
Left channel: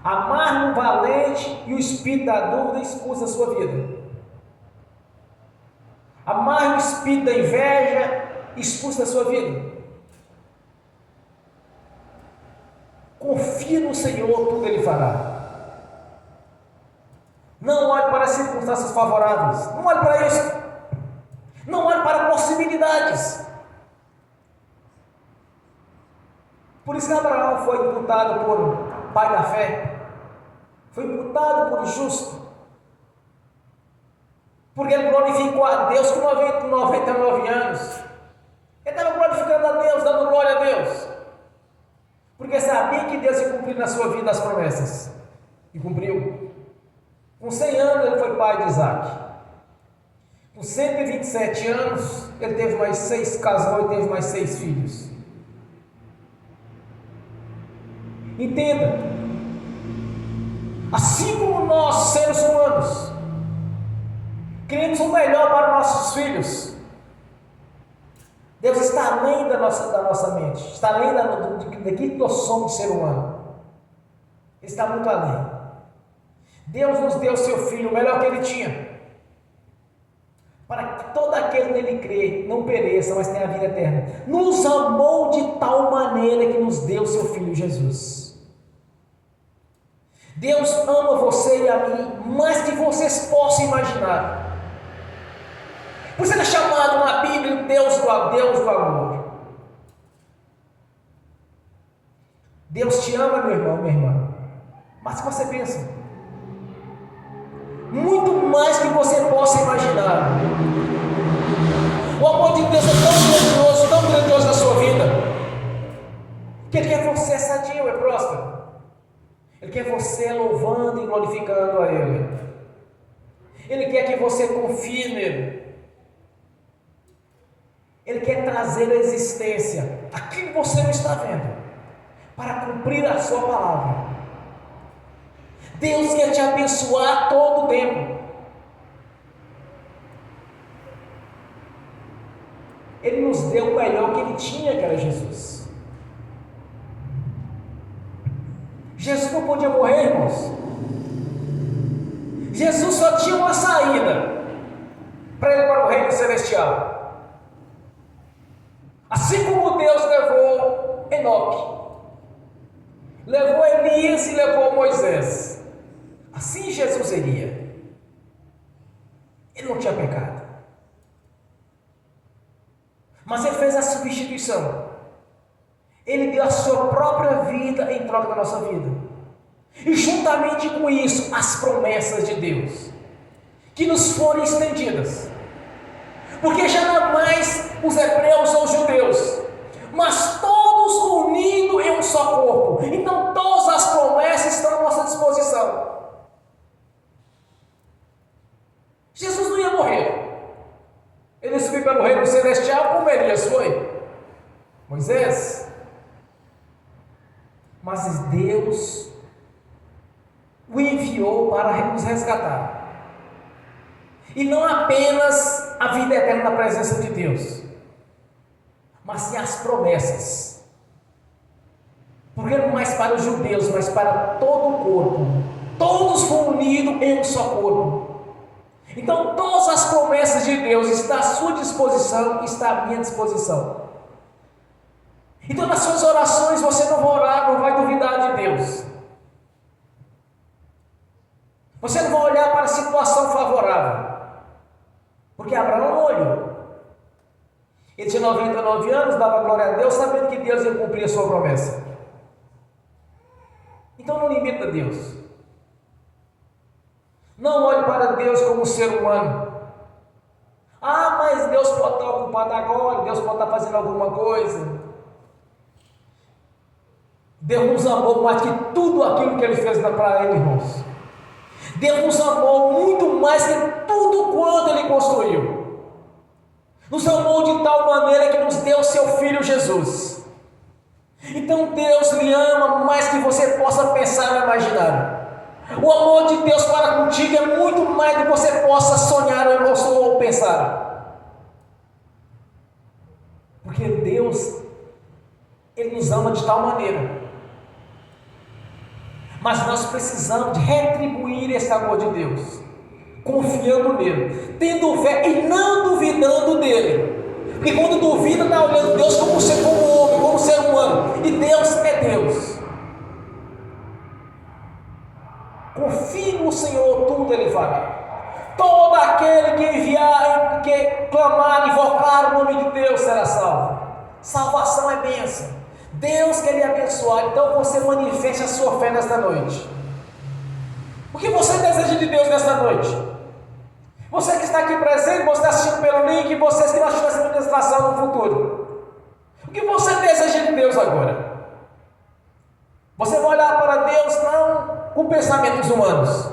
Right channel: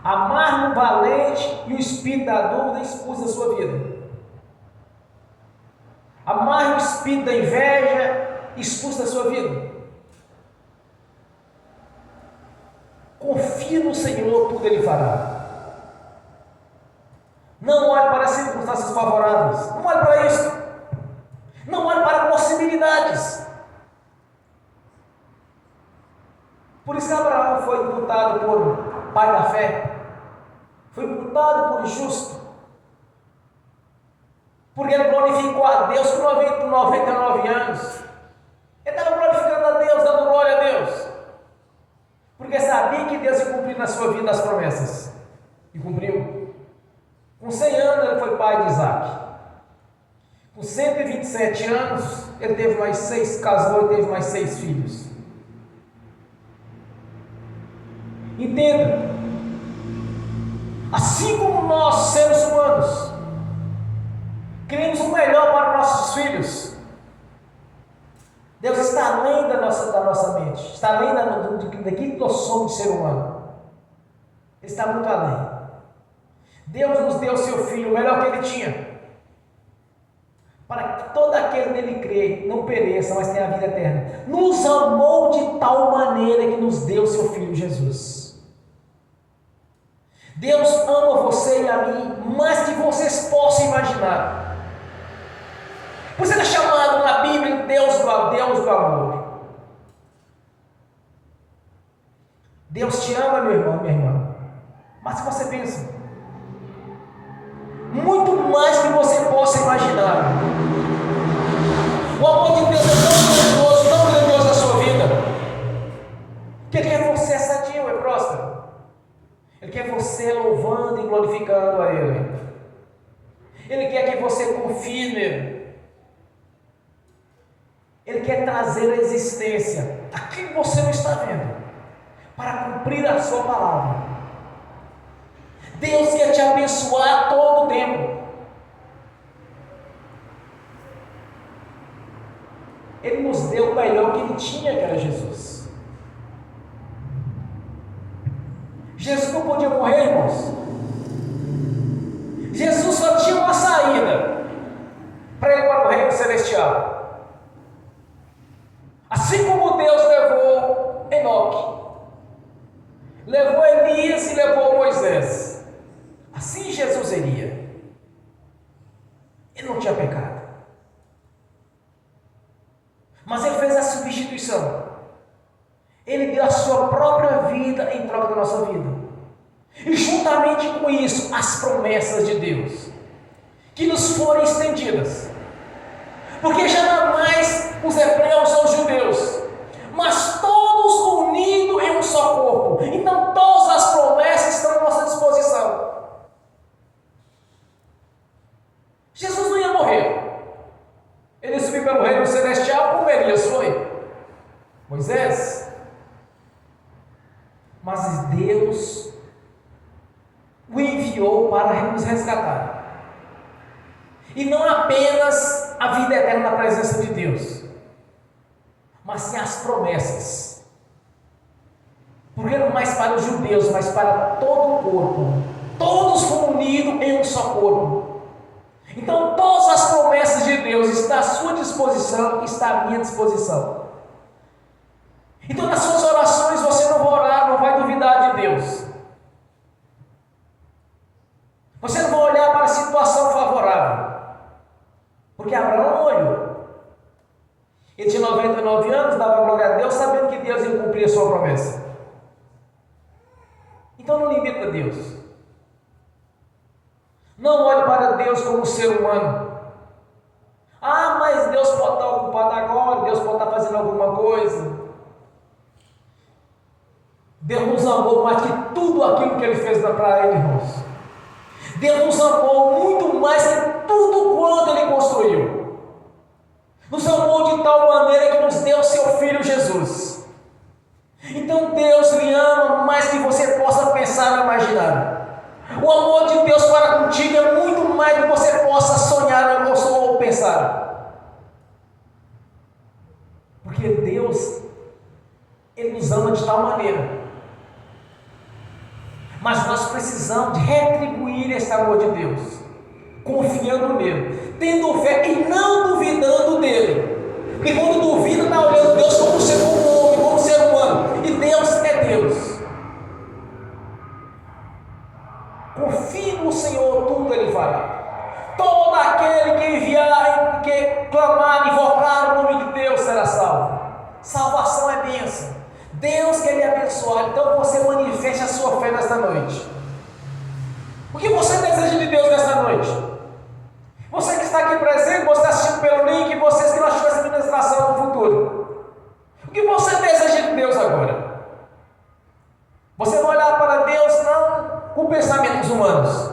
Amar o valente e o espírito da dúvida expulsa a sua vida. Amar o espírito da inveja expulsa a sua vida. Confie no Senhor, tudo Ele fará. Não olhe para as circunstâncias favoráveis, não olhe para isso, não olhe para possibilidades. Por isso que Abraão foi imputado por pai da fé, foi imputado por justo, porque ele glorificou a Deus com 99 anos. Ele estava glorificando a Deus, dando glória a Deus, porque sabia que Deus ia cumprir na sua vida as promessas, e cumpriu. Com 100 anos ele foi pai de Isaac. Com 127 anos ele teve mais 6, casou e teve mais 6 filhos. Entenda, assim como nós, seres humanos, queremos o melhor para nossos filhos, Deus está além da nossa mente, está além daquilo que nós somos de ser humano. Ele está muito além. Deus nos deu o seu Filho, o melhor que Ele tinha, para que todo aquele nele crê não pereça, mas tenha a vida eterna. Nos amou de tal maneira que nos deu o seu Filho Jesus. Deus ama você e a mim mais que vocês possam imaginar. Por isso ele é chamado na Bíblia Deus do amor. Deus te ama, meu irmão, minha irmã, mas que você pensa, muito mais que você possa imaginar. O amor de Deus é tão grandioso na sua vida, que Ele quer você sadio e próspero. Ele quer você louvando e glorificando a Ele. Ele quer que você confie nele. Ele quer trazer à existência aquilo que você não está vendo, para cumprir a sua palavra. Deus quer te abençoar todo o tempo. Ele nos deu o melhor que Ele tinha, que era Jesus. Jesus não podia morrer, irmãos. Jesus só tinha uma saída para ele para o reino celestial. Assim como Deus levou Enoque, levou Elias e levou Moisés, assim Jesus iria. Ele não tinha pecado, mas Ele fez a substituição. Ele deu a sua própria vida em troca da nossa vida. E juntamente com isso, as promessas de Deus, que nos foram estendidas. Porque já não mais os hebreus ou os judeus, mas todos unidos em um só corpo. Então todas as promessas estão à nossa disposição. Jesus não ia morrer. Ele subiu pelo reino celestial como Elias foi. Moisés. Mas Deus o enviou para nos resgatar. E não apenas a vida eterna na presença de Deus, mas sim as promessas. Porque não mais para os judeus, mas para todo o corpo. Todos foram unidos em um só corpo. Então todas as promessas de Deus estão à sua disposição, está à minha disposição. Então nas suas orações você não vai orar, não vai duvidar de Deus. Você não vai olhar para a situação favorável. Porque Abraão olhou. Ele tinha 99 anos, dava glória a Deus, sabendo que Deus ia cumprir a sua promessa. Então não limita Deus. Não olhe para Deus como ser humano. Ah, mas Deus pode estar ocupado agora, Deus pode estar fazendo alguma coisa. Deus nos amou mais que tudo aquilo que Ele fez para Ele, irmãos. Deus nos amou muito mais que tudo quanto Ele construiu. Nos amou de tal maneira que nos deu seu Filho Jesus. Então Deus lhe ama mais que você possa pensar ou imaginar. O amor de Deus para contigo é muito mais do que você possa sonhar ou pensar. Porque Deus, Ele nos ama de tal maneira. Mas nós precisamos de retribuir esse amor de Deus, confiando nele, tendo fé e não duvidando dele. Porque quando duvida, está olhando Deus como homem, como ser humano, e Deus é Deus. Confie no Senhor, tudo Ele fará. Todo aquele que enviar, que clamar, invocar o nome de Deus será salvo. Salvação é bênção. Deus quer lhe abençoar, então você manifeste a sua fé nesta noite. O que você deseja de Deus nesta noite? Você que está aqui presente, você está assistindo pelo link, vocês que não assistem essa ministração no futuro. O que você deseja de Deus agora? Você vai olhar para Deus não com pensamentos humanos,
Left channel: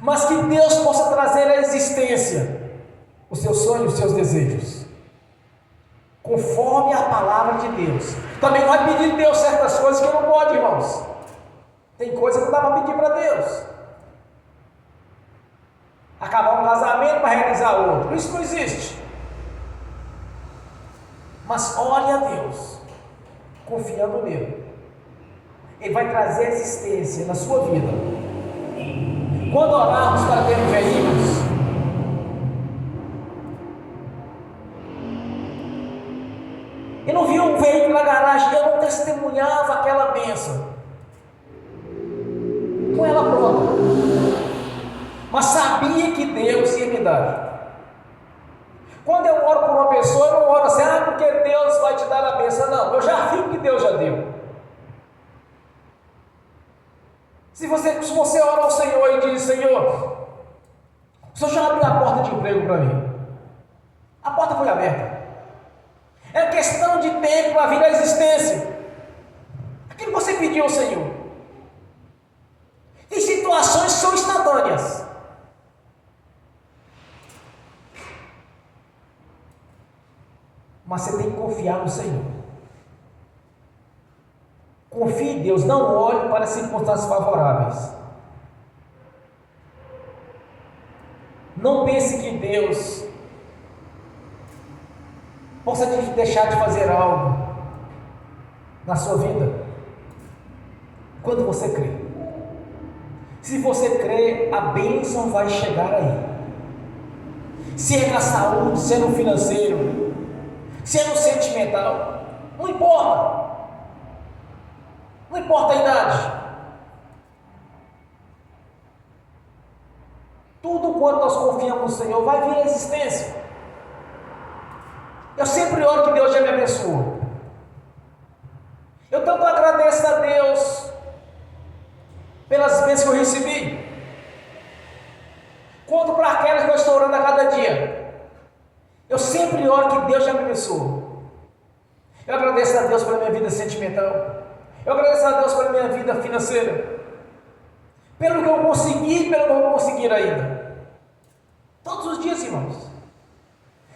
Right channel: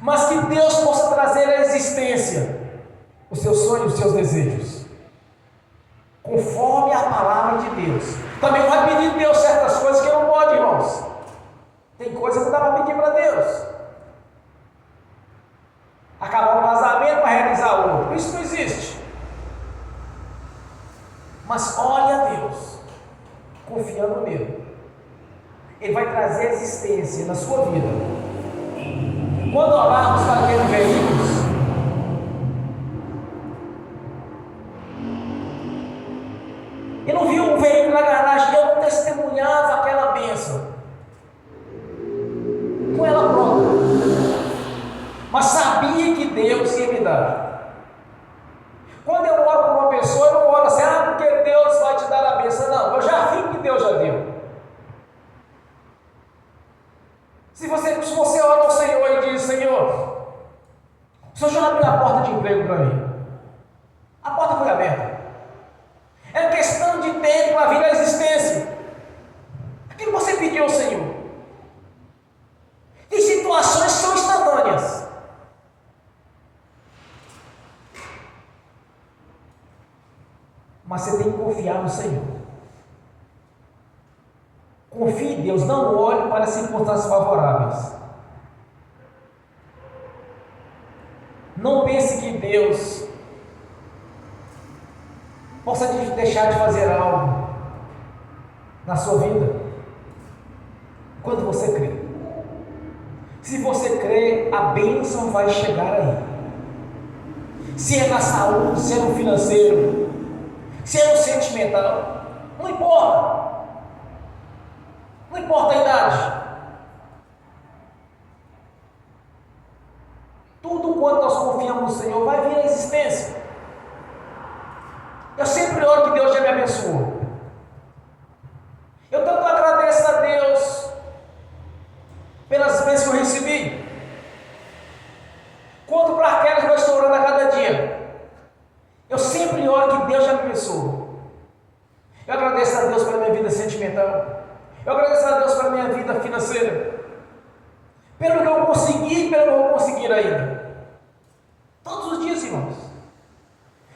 mas que Deus possa trazer à existência os seus sonhos, os seus desejos, conforme a palavra de Deus. Também não vai pedir de Deus certas coisas que não pode, irmãos. Tem coisa que não dá para pedir para Deus. Acabar um casamento para realizar outro, isso não existe. Mas olhe a Deus, confiando nele. Ele vai trazer existência na sua vida. Quando orarmos para ter veículos, eu não vi um veículo na garagem, eu não testemunhava aquela bênção com ela pronta, mas sabia que Deus ia me dar. Quando eu oro por uma pessoa, eu não oro assim, porque Deus vai te dar a bênção. Não, eu já vi que Deus já deu. Se você ora ao Senhor e diz: Senhor, o Senhor já abriu a porta de emprego para mim, a porta foi aberta, é questão de tempo para vir à existência aquilo que você pediu ao Senhor. Tem situações que são instantâneas, mas você tem que confiar no Senhor. Confie em Deus, não olhe para as circunstâncias favoráveis. Não pense que Deus possa deixar de fazer algo na sua vida quando você crê. Se você crê, a bênção vai chegar aí. Se é na saúde, se é no financeiro, se é no sentimental, não importa. Não importa a idade. Tudo quanto nós confiamos no Senhor vai vir à existência. Eu sempre oro que Deus já me abençoe. Eu tanto agradeço a Deus vida sentimental. Eu agradeço a Deus pela minha vida financeira. Pelo que eu consegui, pelo que eu vou conseguir ainda. Todos os dias, irmãos.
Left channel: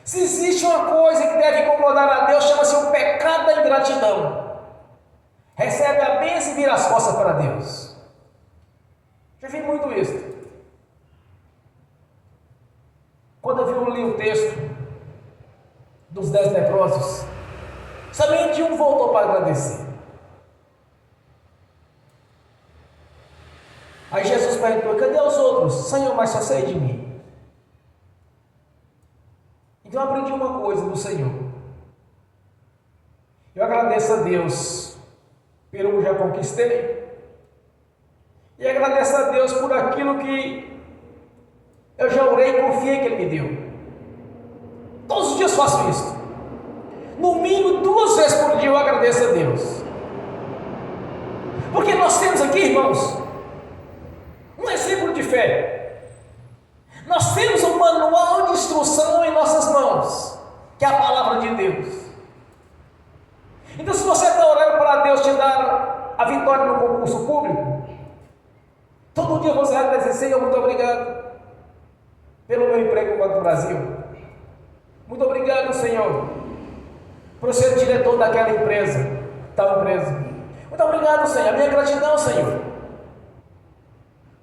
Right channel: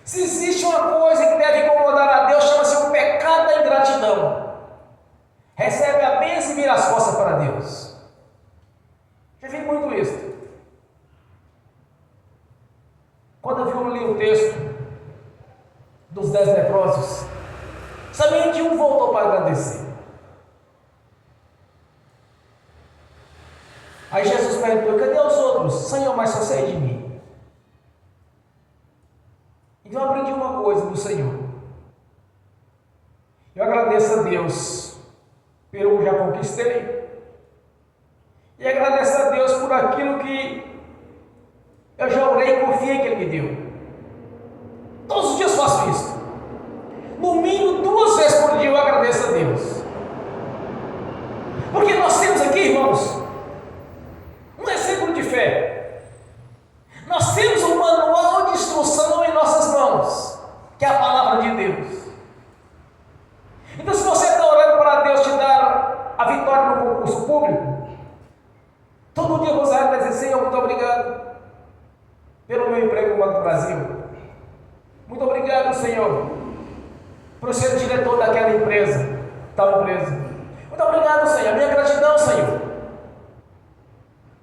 Se existe uma coisa que deve incomodar a Deus, chama-se o pecado da ingratidão. Recebe a bênção e vira as costas para Deus. Já vi muito isso. Quando eu li o texto dos 10 leprosos, somente um voltou para agradecer. Aí Jesus perguntou: cadê os outros? Senhor, mas só sei de mim. Então eu aprendi uma coisa do Senhor. Eu agradeço a Deus pelo que já conquistei. E agradeço a Deus por aquilo que eu já orei e confiei que Ele me deu. Todos os dias faço isso. No mínimo 2 vezes por dia eu agradeço a Deus. Porque nós temos aqui, irmãos, um exemplo de fé. Nós temos um manual de instrução em nossas mãos, que é a palavra de Deus. Então, se você está orando para Deus te dar a vitória no concurso público, todo dia você vai dizer: Senhor, muito obrigado pelo meu emprego no Banco do Brasil. Muito obrigado, Senhor, por ser diretor daquela empresa, tal empresa. Muito obrigado, Senhor. Minha gratidão, Senhor,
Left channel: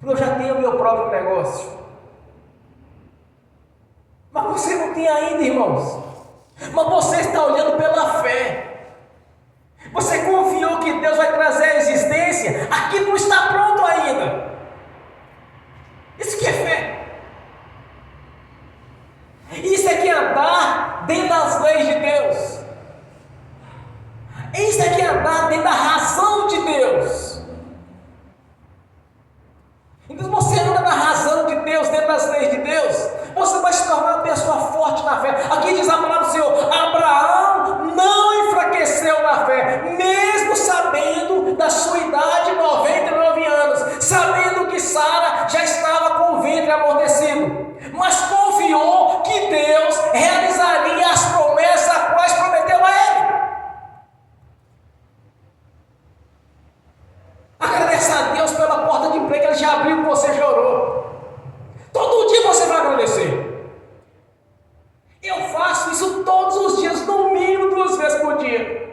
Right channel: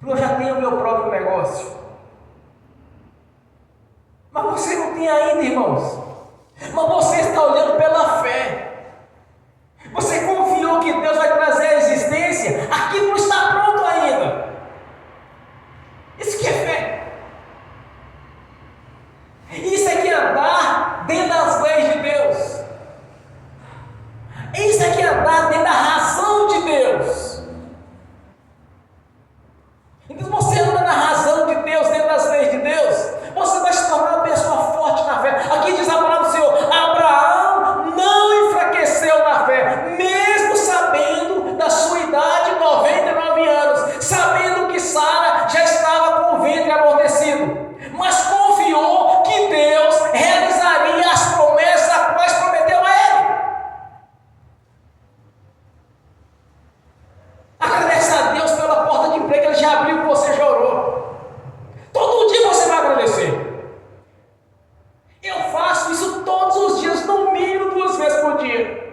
porque eu já tenho o meu próprio negócio. Mas você não tem ainda, irmãos. Mas você está olhando pela fé. Você confiou que Deus vai trazer à existência aquilo não está pronto ainda. Isso que é fé. Isso é que é andar dentro das leis de Deus. Isso é que é andar dentro da razão de Deus. Então, você anda na razão de Deus, dentro das leis de Deus, você vai se tornar uma pessoa forte na fé. Aqui diz a palavra do Senhor: Abraão não enfraqueceu na fé, mesmo sabendo da sua idade, 99 anos, sabendo que Sara já estava com o ventre amortecido, mas confiou que Deus realizaria as promessas a quais prometeu a ele. Agradece a Deus pela porta de emprego que Ele já abriu, que você já orou. Todo dia você vai agradecer. Eu faço isso todos os dias, no mínimo 2 vezes por dia.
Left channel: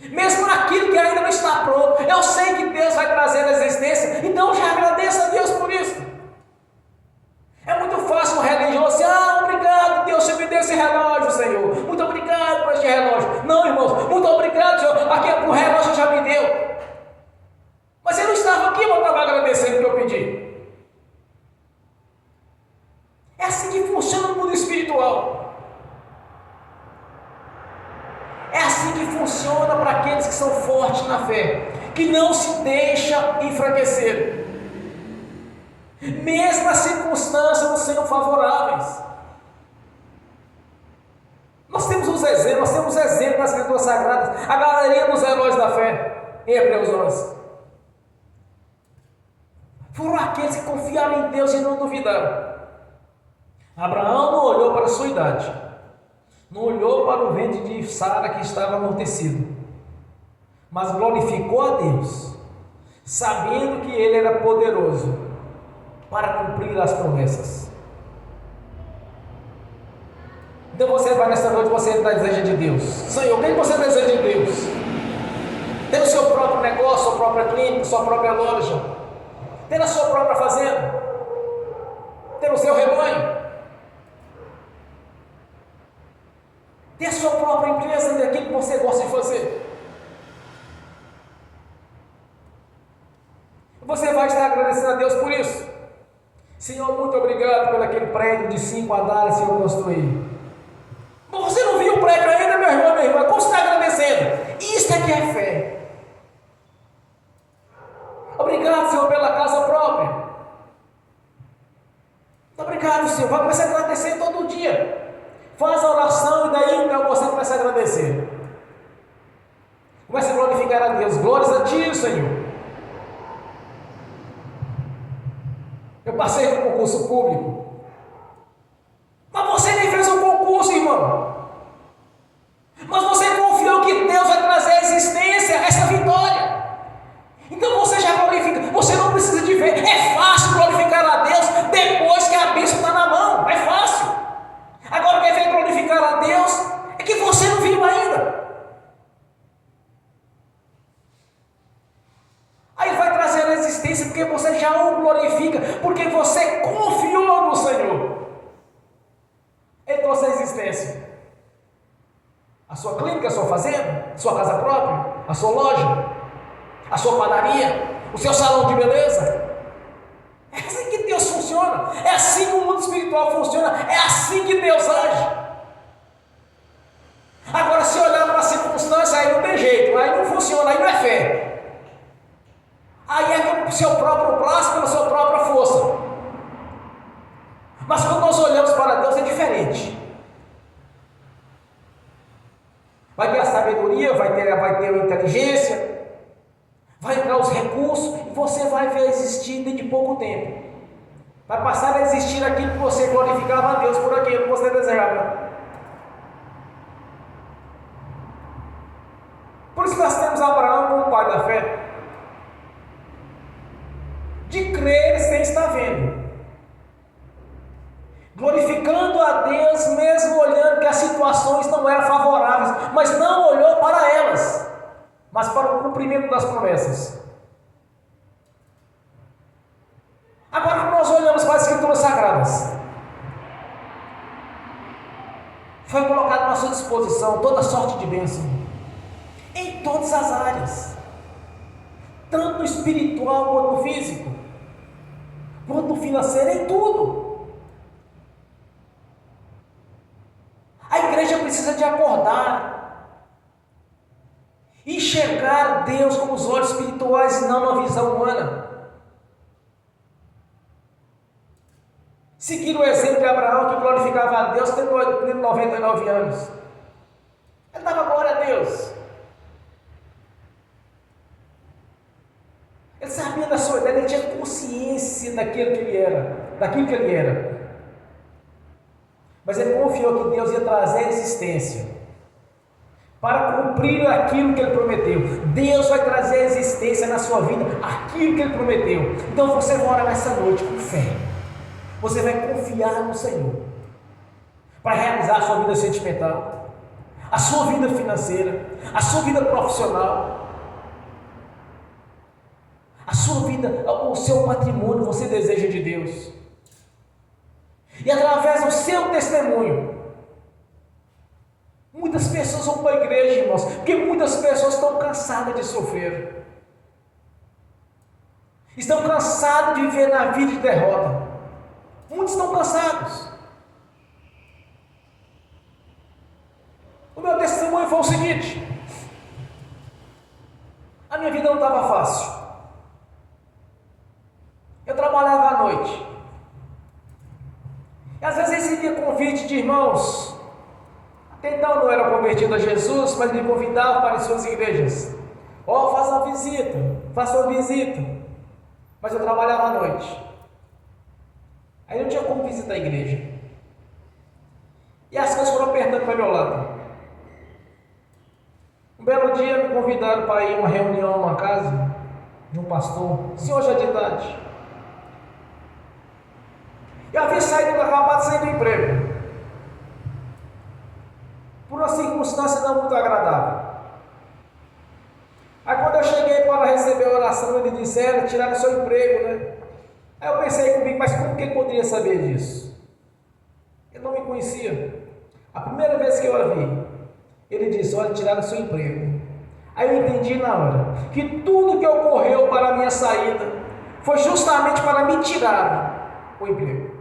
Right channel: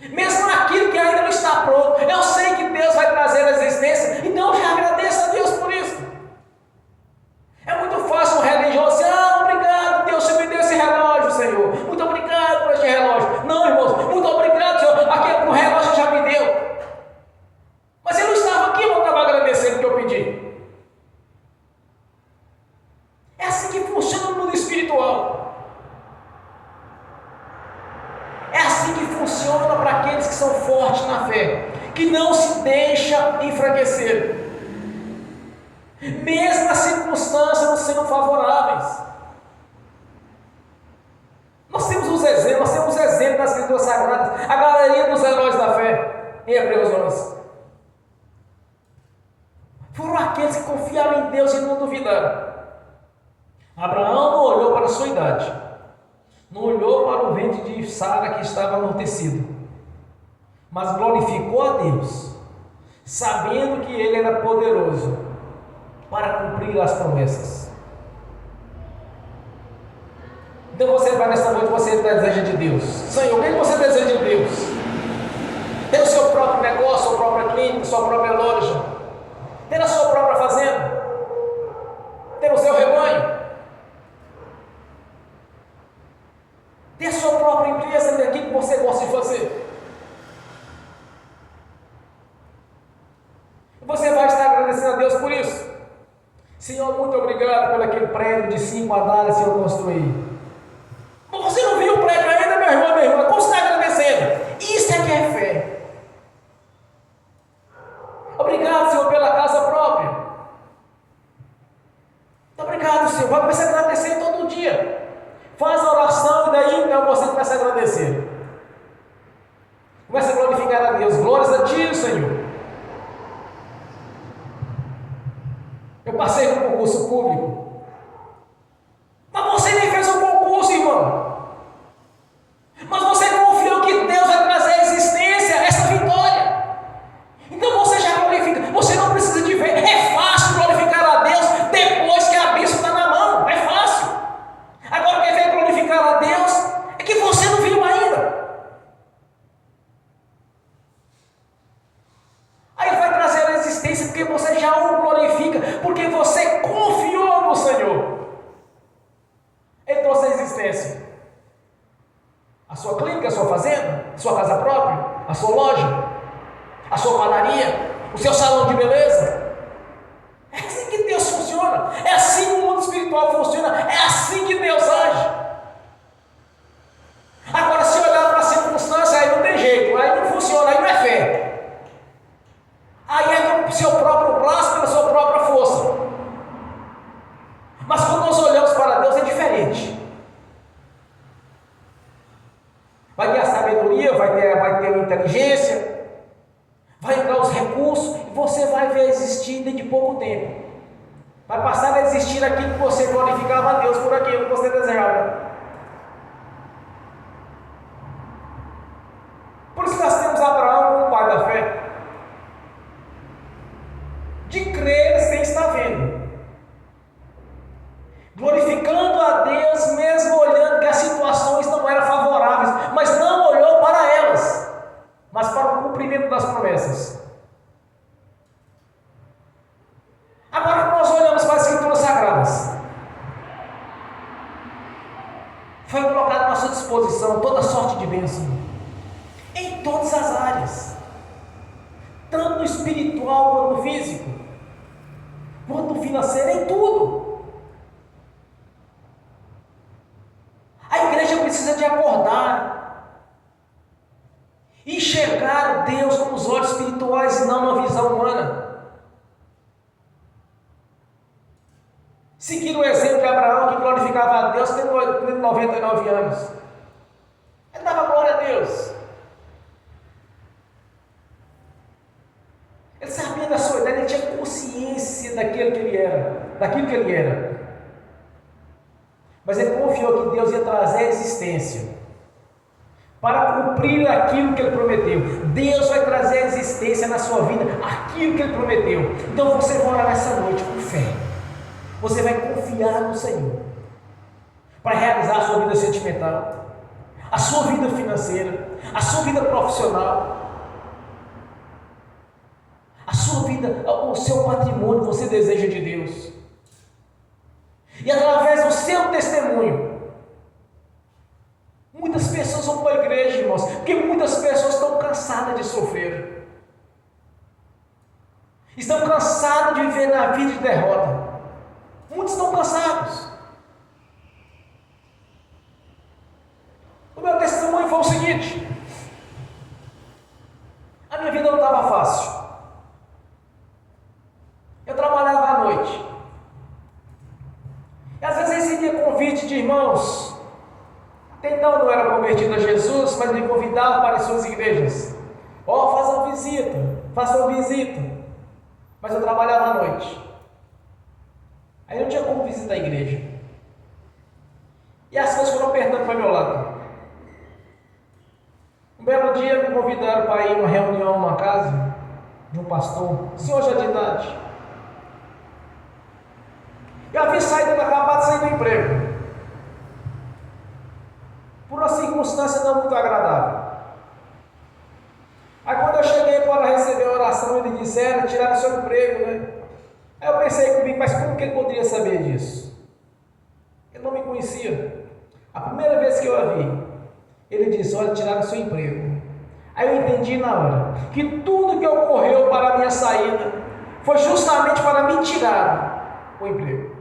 Mesmo naquilo que ainda não está pronto, eu sei que Deus vai trazer a existência, então eu já agradeço a Deus por isso. É muito fácil um religioso dizer: obrigado, Deus, você me deu esse relógio, Senhor. Muito obrigado por este relógio. Não, irmãos, muito obrigado, Senhor. Aquele relógio já me deu. Mas eu não estava aqui, não estava agradecendo o que eu pedi. É assim que funciona o mundo espiritual. É assim que funciona para aqueles que são fortes na fé, que não se deixam enfraquecer, mesmo as circunstâncias não sendo favoráveis. Nós temos exemplos das Escrituras Sagradas, a galeria dos heróis da fé, em Hebreus 11. Foram aqueles que confiaram em Deus e não duvidaram. Abraão não olhou para a sua idade, não olhou para o ventre de Sara que estava amortecido, mas glorificou a Deus, sabendo que Ele era poderoso para cumprir as promessas. Então você vai nesta noite, você deseja de Deus. Senhor, o que você deseja de Deus? Ter o seu próprio negócio, sua própria clínica, sua própria loja, ter a sua própria fazenda, ter o seu rebanho, ter a sua própria empresa daquilo que você gosta de fazer. Você vai estar agradecendo a Deus por isso. Senhor, muito obrigado pelo aquele prédio de 5 andares que eu construí. Mas você não viu o prédio ainda, meu irmão, minha irmã? Como você está agradecendo? Isso é que é fé. Obrigado, Senhor, pela casa própria. Muito obrigado, Senhor. Vai começar a agradecer todo dia. Faz a oração e daí então você começa a agradecer. Começa a glorificar a Deus. Glórias a Ti, Senhor. Eu passei no concurso público. Mas você nem fez um concurso, irmão. Mas você confiou que Deus vai trazer à existência funciona. É assim que o mundo espiritual funciona. É assim que Deus age. Agora, se olhar para a circunstância, aí não tem jeito, aí não funciona, aí não é fé. Aí é com o seu próprio braço, pela sua própria força. Mas quando nós olhamos para Deus, é diferente. Vai ter a sabedoria, vai ter a inteligência, vai entrar os recursos, e você vai ver existir dentro de pouco tempo. Vai passar a existir aquilo que você glorificava a Deus por aquilo que você desejava. Por isso nós temos Abraão como pai da fé. De crer sem estar vendo. Glorificando a Deus, mesmo olhando que as situações não eram favoráveis, mas não olhou para elas, mas para o cumprimento das promessas. Agora nós olhamos para as Escrituras Sagradas. Foi colocado à sua disposição toda sorte de bênção, em todas as áreas, tanto no espiritual quanto no físico, quanto no financeiro, em tudo. A igreja precisa de acordar, enxergar Deus com os olhos espirituais e não uma visão humana. Seguindo o exemplo de Abraão, que glorificava a Deus, tendo 99 anos. Ele dava glória a Deus. Ele sabia da sua idade, ele tinha consciência daquilo que ele era. Mas ele confiou que Deus ia trazer a existência para cumprir aquilo que ele prometeu. Deus vai trazer a existência na sua vida, aquilo que ele prometeu. Então você vai orar nessa noite com fé. Você vai confiar no Senhor para realizar a sua vida sentimental, a sua vida financeira, a sua vida profissional, a sua vida, o seu patrimônio, você deseja de Deus. E através do seu testemunho, muitas pessoas vão para a igreja, irmãos, porque muitas pessoas estão cansadas de sofrer, estão cansadas de viver na vida de derrota. Muitos estão cansados. O meu testemunho foi o seguinte: a minha vida não estava fácil. Eu trabalhava à noite. E às vezes recebia convite de irmãos. Até então não era convertido a Jesus, mas me convidavam para as suas igrejas. Faça uma visita. Mas eu trabalhava à noite. Aí não tinha como visitar a igreja. E as coisas foram apertando para o meu lado. Um belo dia me convidaram para ir a uma reunião numa casa de um pastor, senhor já de idade. Eu havia acabado de sair do emprego, por uma circunstância não muito agradável. Aí quando eu cheguei para receber a oração, eles disseram: tiraram seu emprego, né? Aí eu pensei comigo, mas como que ele poderia saber disso? Ele não me conhecia. A primeira vez que eu a vi, ele disse: olha, tiraram seu emprego. Aí eu entendi na hora que tudo que ocorreu para a minha saída foi justamente para me tirar o emprego.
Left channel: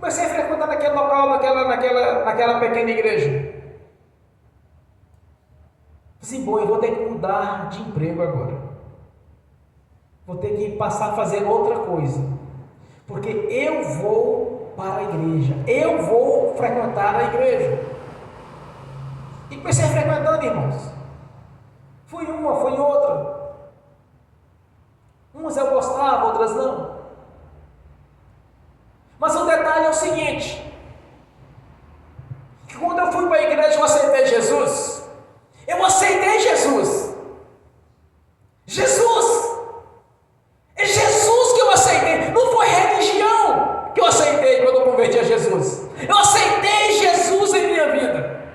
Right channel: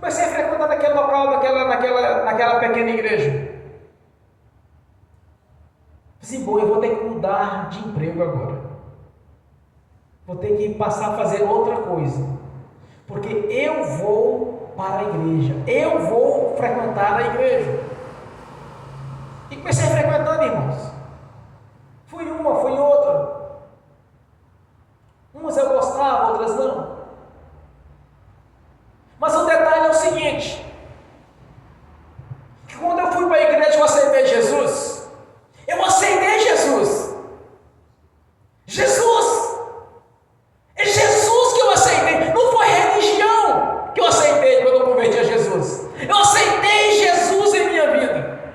Comecei a frequentar naquele local, naquela pequena igreja. Assim, bom, eu vou ter que mudar de emprego agora. Vou ter que passar a fazer outra coisa. Porque eu vou para a igreja. Eu vou frequentar a igreja. E comecei a frequentando, irmãos. Fui uma, fui outra. Umas eu gostava, outras não. Mas o detalhe é o seguinte: que quando eu fui para a igreja, eu aceitei Jesus. Eu aceitei Jesus. É Jesus que eu aceitei. Não foi religião que eu aceitei quando eu converti a Jesus. Eu aceitei Jesus em minha vida.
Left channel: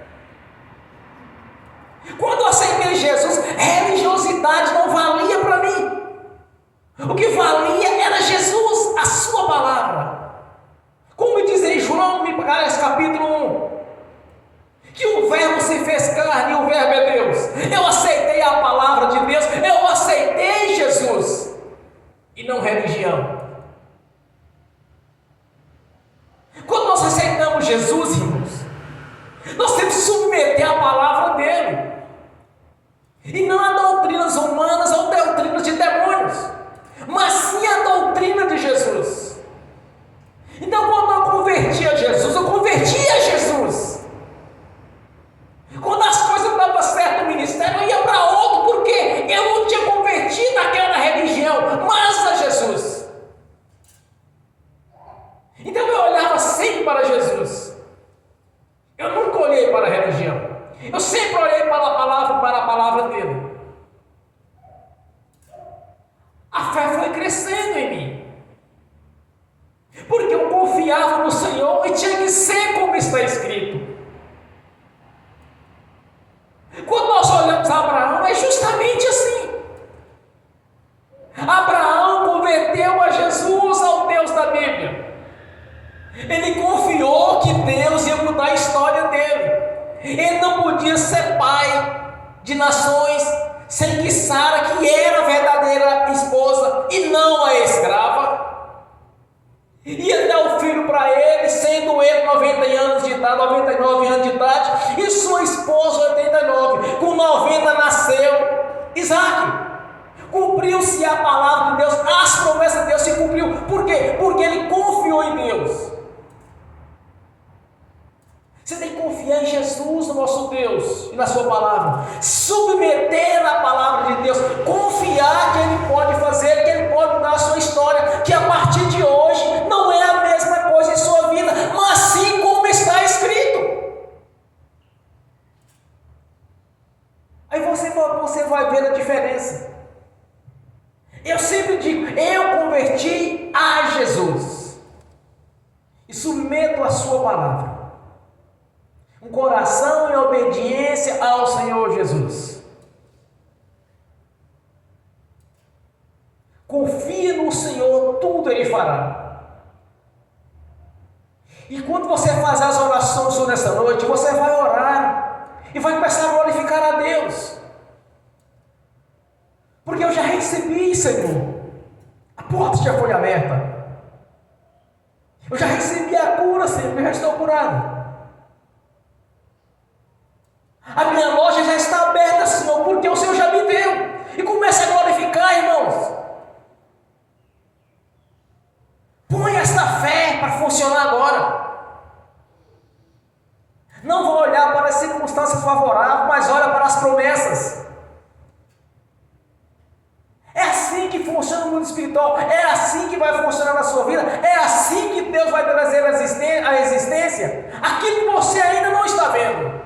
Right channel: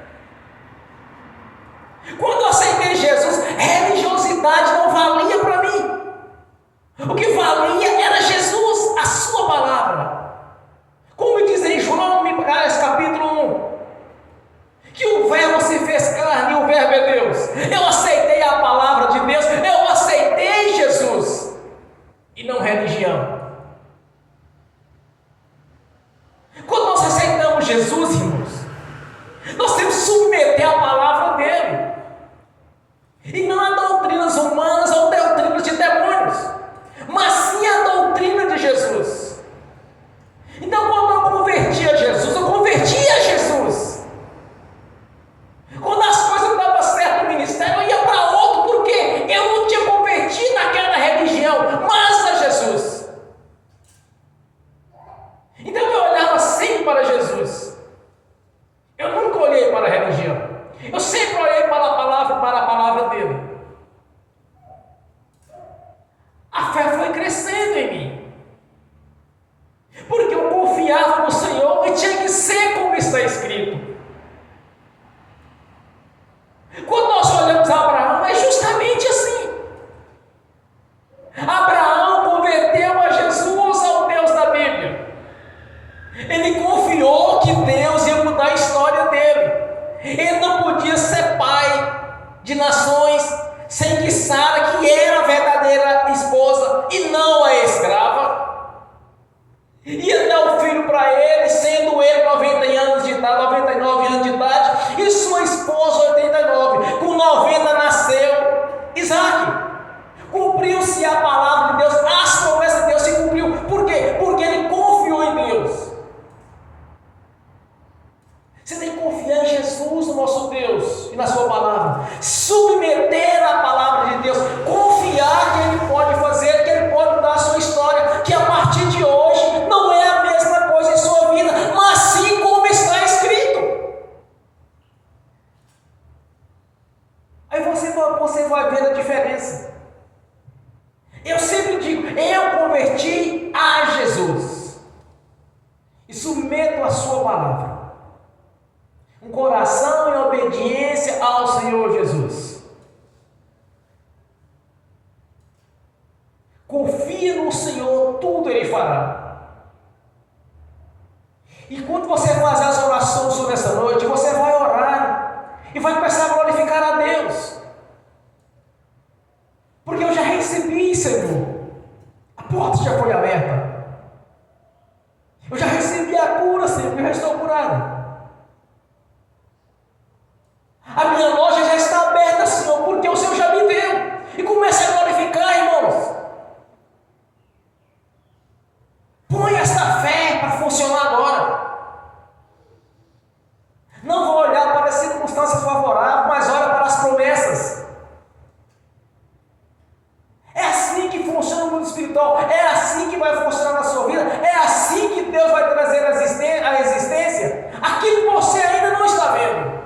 Quando eu aceitei Jesus, religiosidade não valia para mim. O que valia era Jesus, a sua palavra. Como diz em João, capítulo 1, que o verbo se fez carne e o verbo é Deus. Eu aceitei a palavra de Deus, eu aceitei Jesus, e não religião. orar. E quando você faz as orações nessa noite, você vai orar e vai começar a glorificar a Deus. Porque eu já recebi, Senhor. A porta já foi aberta. Eu já recebi a cura, Senhor, e já estou curado. A minha loja já está aberta, Senhor, porque o Senhor já me deu. E comece a glorificar, irmãos. Põe esta fé para funcionar agora. Não vou olhar para as circunstâncias favoráveis, mas olha para as promessas. É assim que funciona o mundo espiritual. É assim que vai funcionar na sua vida. É assim que Deus vai trazer à existência aquilo que você ainda não está vendo.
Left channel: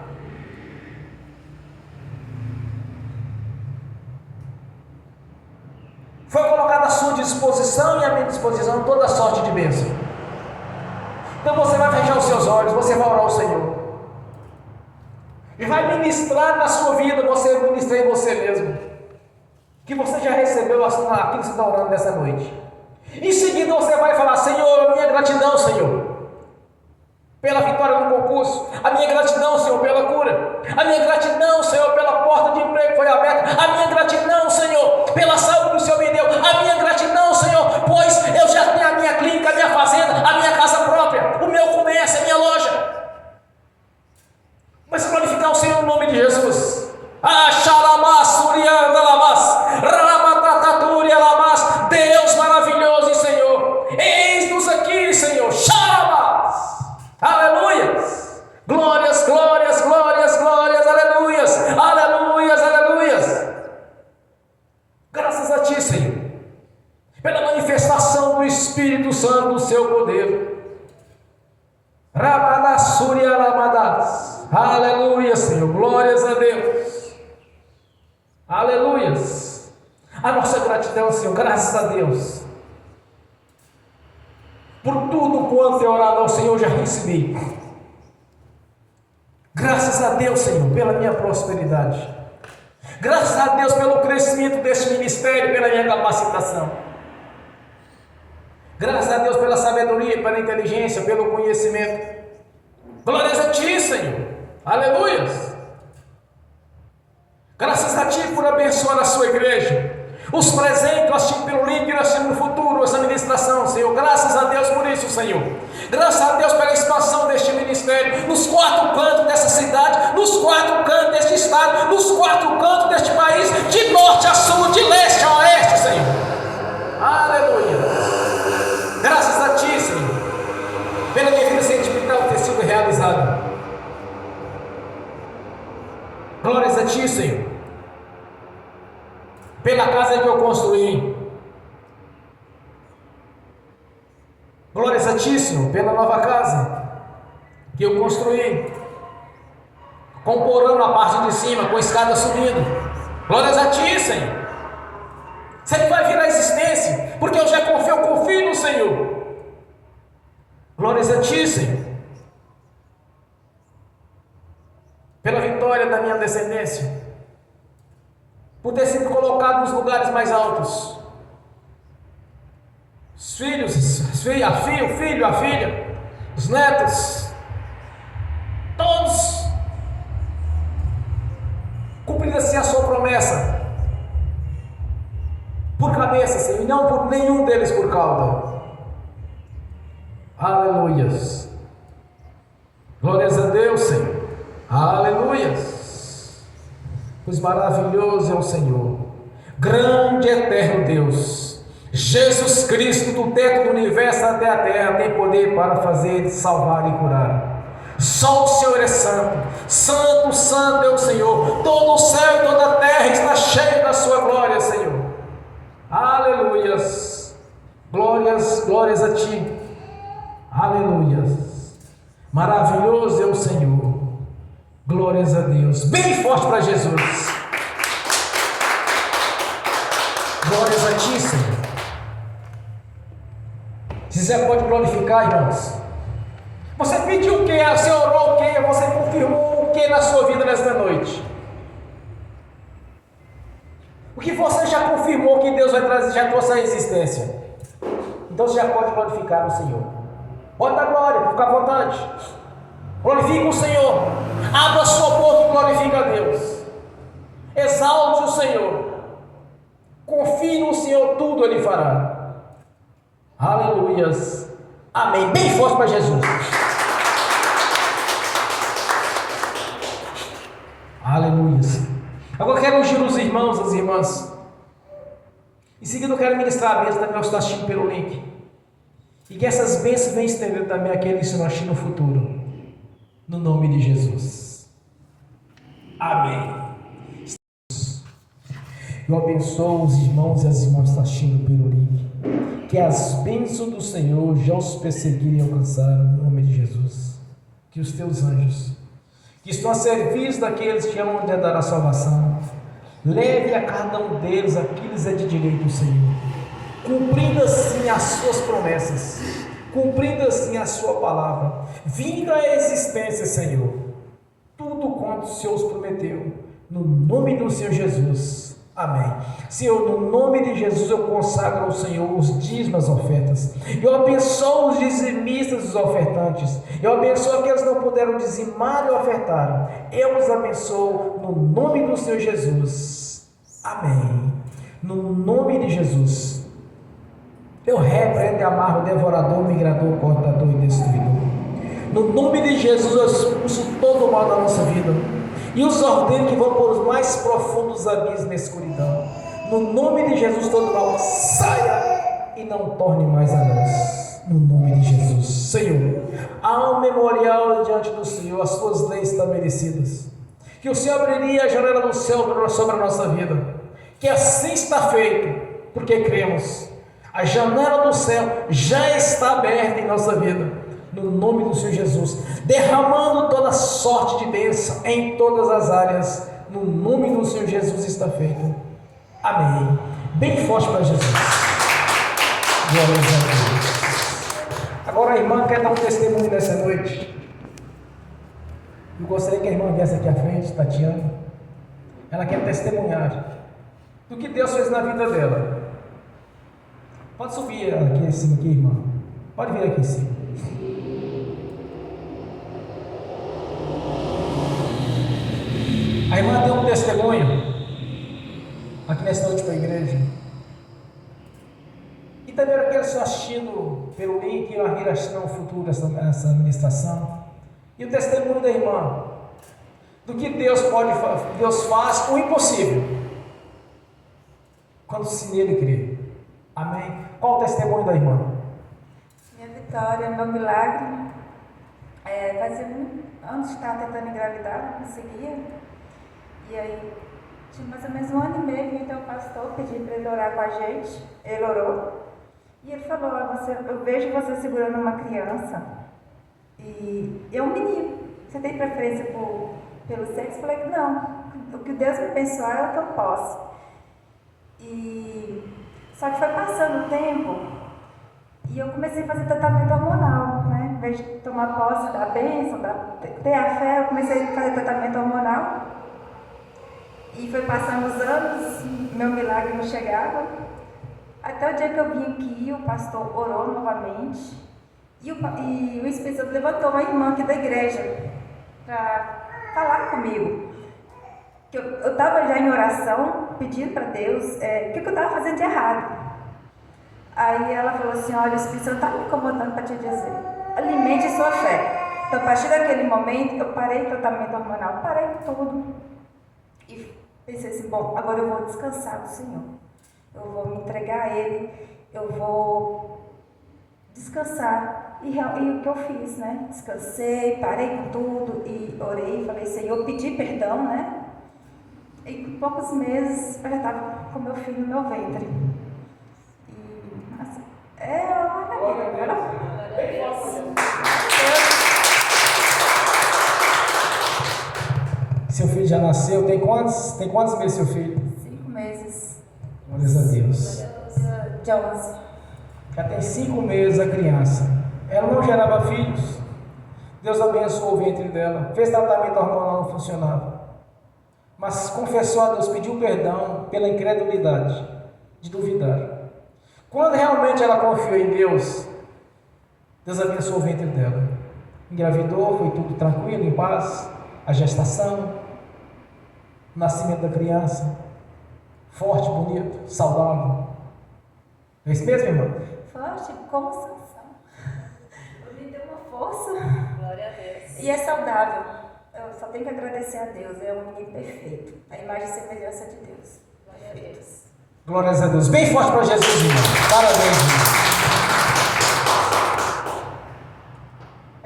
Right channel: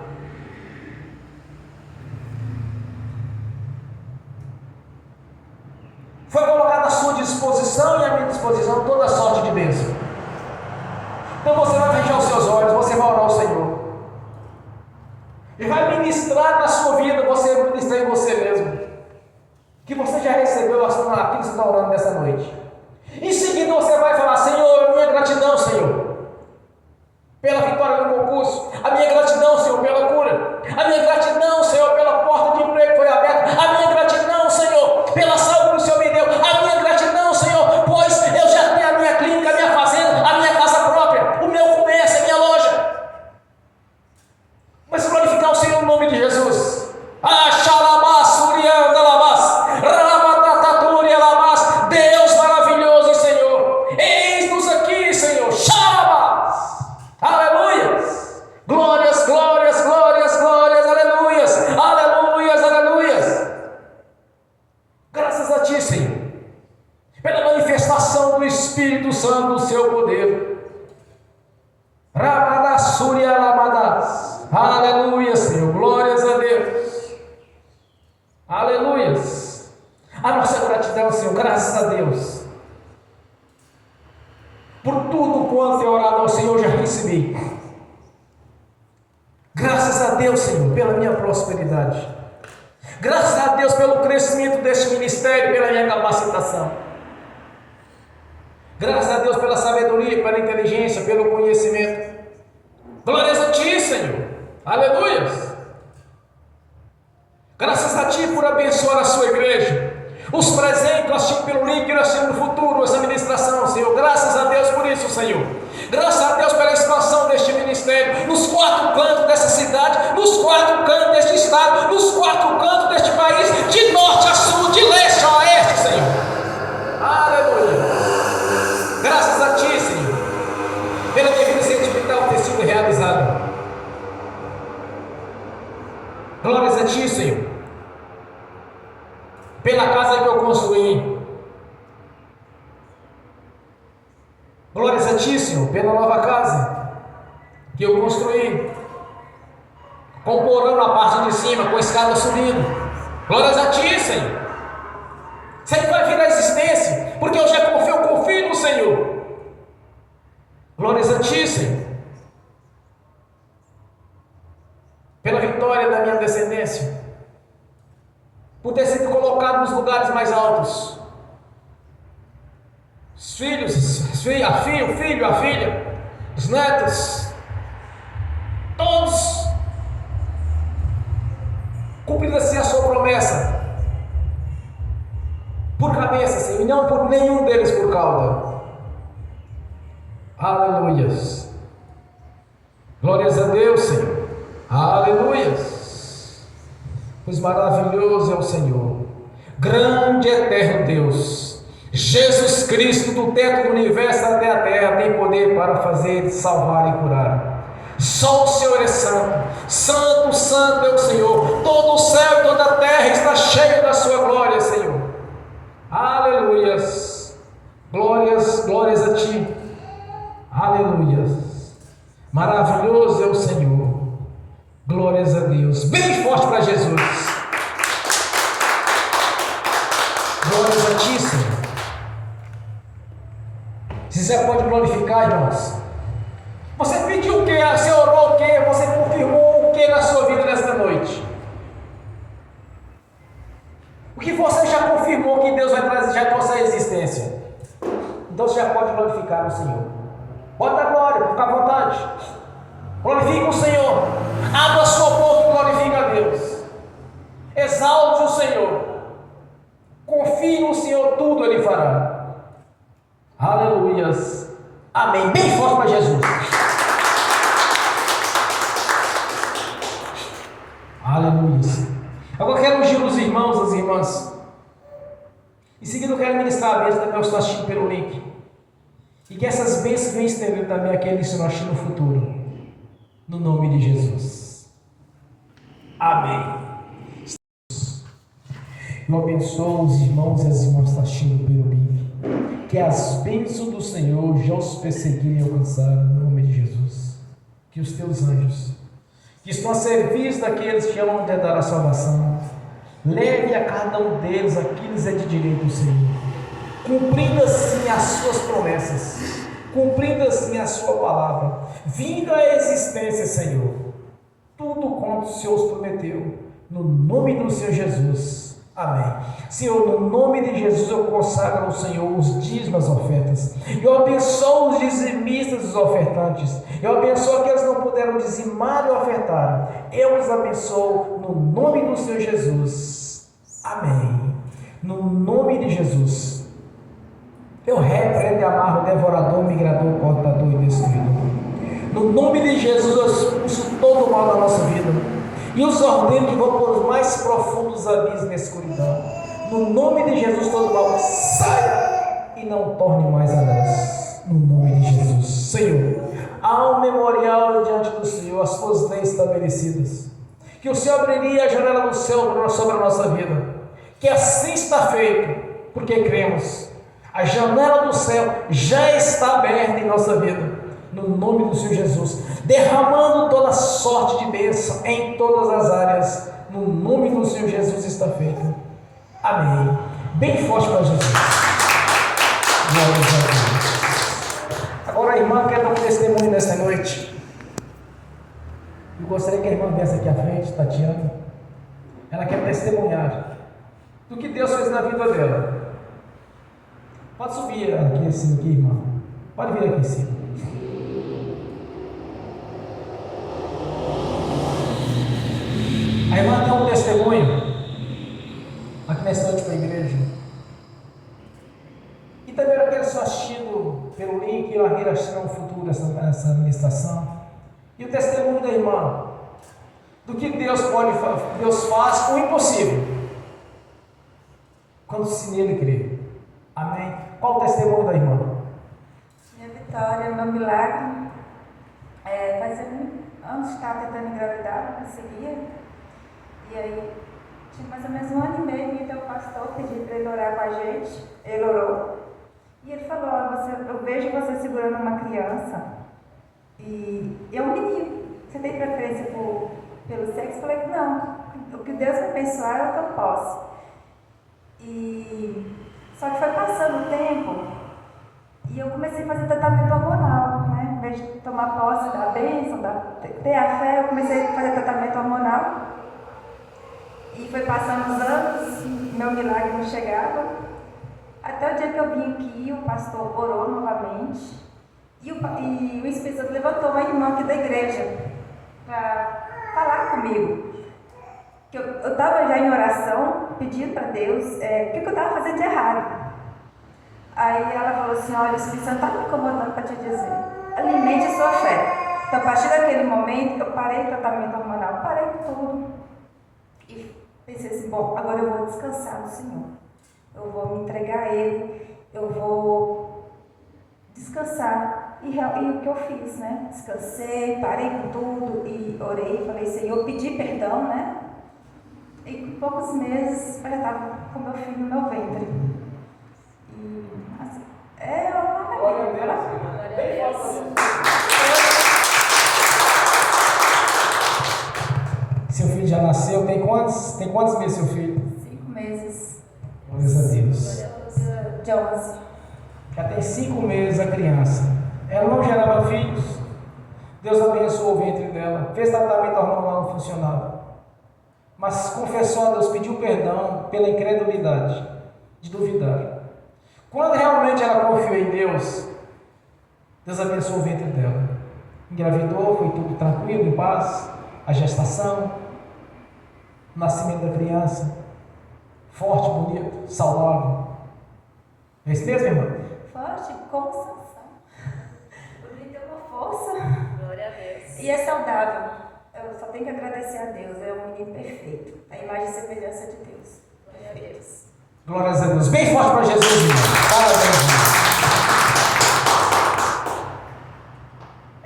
Foi colocada à sua disposição e à minha disposição toda sorte de bênção. Então você vai fechar os seus olhos, você vai orar ao Senhor. E vai ministrar na sua vida, você ministrar em você mesmo. Que você já recebeu aquilo que você está orando nessa noite. Em seguida você vai falar: Senhor, a minha gratidão, Senhor, pela vitória no concurso. A minha gratidão, Senhor, pela cura. A minha gratidão, Senhor, pela porta de emprego que foi aberta. A minha gratidão, Senhor, pela saúde que o Senhor me deu. A minha gratidão, Senhor, pois eu já tenho a minha clínica, a minha fazenda, a minha casa própria, o meu comércio, a minha loja. Mas glorificar o Senhor no nome de Jesus. Deus maravilhoso, Senhor. Eis-nos aqui, Senhor. Aleluias. Glórias, glórias, glórias, glórias. Aleluias. Aleluias, aleluias. Graças a Ti, Senhor, pela manifestação do Espírito Santo, do Seu poder. Aleluia, Senhor. Glórias a Deus. Aleluias. A nossa gratidão, Senhor, graças a Deus. Por tudo quanto é orado ao Senhor, já recebi. Graças a Deus, Senhor, pela minha prosperidade. Graças a Deus pelo crescimento deste ministério, pela minha capacitação. Graças a Deus pela sabedoria, pela inteligência, pelo conhecimento. Glórias a Ti, Senhor. Aleluias. Graças a Ti por abençoar a Sua igreja. Os presentes, nós tínhamos pelo link, nós tínhamos no futuro, essa ministração, Senhor. Graças a Deus por isso, Senhor. Graças a Deus pela expansão deste ministério, nos 4 cantos dessa cidade, nos 4 cantos deste estado, nos 4 cantos deste país, de norte a sul, de leste a oeste, Senhor. Aleluia. Graças a Ti, Senhor, pela deficiência hospital ter sido realizada. Glórias a Ti, Senhor, pela casa que eu construí. Glórias a Ti, Senhor, pela nova casa que eu construí, com porão na parte de cima, com a escada subindo. Glórias a Ti, Senhor. Sempre vai vir à existência, porque eu já confio no Senhor. Glórias a Ti, Senhor, pela vitória da minha descendência, por ter sido colocado nos lugares mais altos. Os filhos, o filho, a filha, os netos, todos cumprida-se a Sua promessa por cabeça, Senhor, e não por nenhum deles por cauda. Aleluias. Glórias a Deus, Senhor. Aleluias. Pois maravilhoso é o Senhor, grande e eterno Deus. Jesus Cristo, do teto do universo até a terra, tem poder para fazer, salvar e curar. Só o Senhor é santo. Santo, santo é o Senhor. Todo o céu e toda a terra está cheio da Sua glória, Senhor. Aleluias. Glórias, glórias a Ti. Aleluias. Maravilhoso é o Senhor. Glórias a Deus. Bem forte para Jesus. Glórias a Ti, Senhor. Você pode glorificar, irmãos. Você pediu o que? Você orou o que? Você confirmou o que na sua vida nesta noite? O que você já confirmou que Deus vai trazer, já trouxe à existência? Então você já pode glorificar o Senhor. Pode dar glória, fica à vontade. Glorifique o Senhor. Abra a sua boca e glorifique a Deus. Exalte o Senhor. Confie no Senhor, tudo Ele fará. Aleluias. Amém. Bem forte para Jesus. Aleluias. Agora eu quero ungir os irmãos, as irmãs. Em seguida eu quero ministrar a mesa também aos que estão assistindo pelo link. E que essas bênçãos venham estender também aqueles que estão assistindo no futuro. No nome de Jesus. Amém. Eu abençoo os irmãos e as irmãs que estão assistindo pelo link. Que as bênçãos do Senhor já os perseguirem e alcançarem no nome de Jesus. Que os teus anjos, que estão a serviço daqueles que amam de dar a salvação, leve a cada um deles aquilo que é de direito do Senhor, cumprindo assim as suas promessas, cumprindo assim a sua palavra, vindo à existência, Senhor, tudo quanto o Senhor os prometeu, no nome do Senhor Jesus. Amém. Senhor, no nome de Jesus eu consagro ao Senhor os dízimos, as ofertas. Eu abençoo os dizimistas, os ofertantes. Eu abençoo aqueles que não puderam dizimar e ofertar. Eu os abençoo no nome do Senhor Jesus. Amém. No nome de Jesus. Eu repreendo e amarro o devorador, migrador, cortador e destruidor. No nome de Jesus eu expulso todo o mal da nossa vida. E os ordeno que vão por os mais profundos abismos da escuridão. No nome de Jesus, todo mal saia e não torne mais a nós. No nome de Jesus, Senhor, há um memorial diante do Senhor, as suas leis estabelecidas. Que o Senhor abriria a janela do céu sobre a nossa vida. Que assim está feito, porque cremos. A janela do céu já está aberta em nossa vida. No nome do Senhor Jesus, derramando toda sorte de bênção em todas as áreas, no nome do Senhor Jesus está feito. Amém. Bem forte para Jesus. Glória a Deus. Agora a irmã quer dar um testemunho nessa noite. Eu gostaria que a irmã viesse aqui à frente, Tatiana. Ela quer testemunhar do que Deus fez na vida dela. Pode subir aqui em cima, aqui, irmã. Pode vir aqui em cima. A irmã tem um testemunho aqui nessa noite para a igreja. E também para aqueles que estão assistindo pelo link, eu irei assistir no futuro essa ministração. E o testemunho da irmã, do que Deus faz o impossível, quando se nele crê. Amém? Qual o testemunho da irmã? Minha Vitória, meu milagre. Fazia anos que estava tentando engravidar, não conseguia. E aí, tinha mais ou menos 1 ano e meio, vim até o pastor, pedi para ele orar com a gente. Ele orou. E ele falou: eu vejo você segurando uma criança e é um menino. Você tem preferência pelo sexo? Eu falei: não. O que Deus me abençoar é o que eu posso. Só que foi passando o tempo e eu comecei a fazer tratamento hormonal, né? Em vez de tomar posse da bênção, ter a fé, eu comecei a fazer tratamento hormonal. E foi passando os anos, meu milagre não chegava. Até o dia que eu vim aqui, o pastor orou novamente. E o Espírito Santo levantou uma irmã aqui da igreja para falar comigo. Que eu estava já em oração, pedindo para Deus o que eu estava fazendo de errado. Aí ela falou assim: olha, o Espírito Santo está me incomodando para te dizer, alimente sua fé. Então, a partir daquele momento, eu parei o tratamento hormonal, parei tudo. E pensei assim: bom, agora eu vou descansar no Senhor. Eu vou me entregar a Ele, eu vou descansar. E o que eu fiz, né? Descansei, parei com tudo e orei, falei: Senhor, pedi perdão, né? E em poucos meses eu já estava com meu filho no meu ventre. E assim, uma maravilha. Seu filho já nasceu? Tem quantos meses seu filho? 5 meses. Glória a Deus. De 11. Já tem 5 meses a criança. Ela não gerava filhos. Deus abençoou o ventre dela. Fez tratamento hormonal, não funcionava. Mas confessou a Deus, pediu perdão pela incredulidade de duvidar. Quando realmente ela confiou em Deus, Deus abençoou o ventre dela. Engravidou, foi tudo tranquilo, em paz. A gestação, o nascimento da criança, forte, bonito, saudável. Não é isso mesmo, irmã? Forte, como Sansão. Ele deu uma força. Glória a Deus. E é saudável. Eu só tenho que agradecer a Deus. É um menino perfeito. A imagem e semelhança de Deus. Glória a Deus. Glórias a Deus. Bem forte para Jesus, irmão. Parabéns, irmão.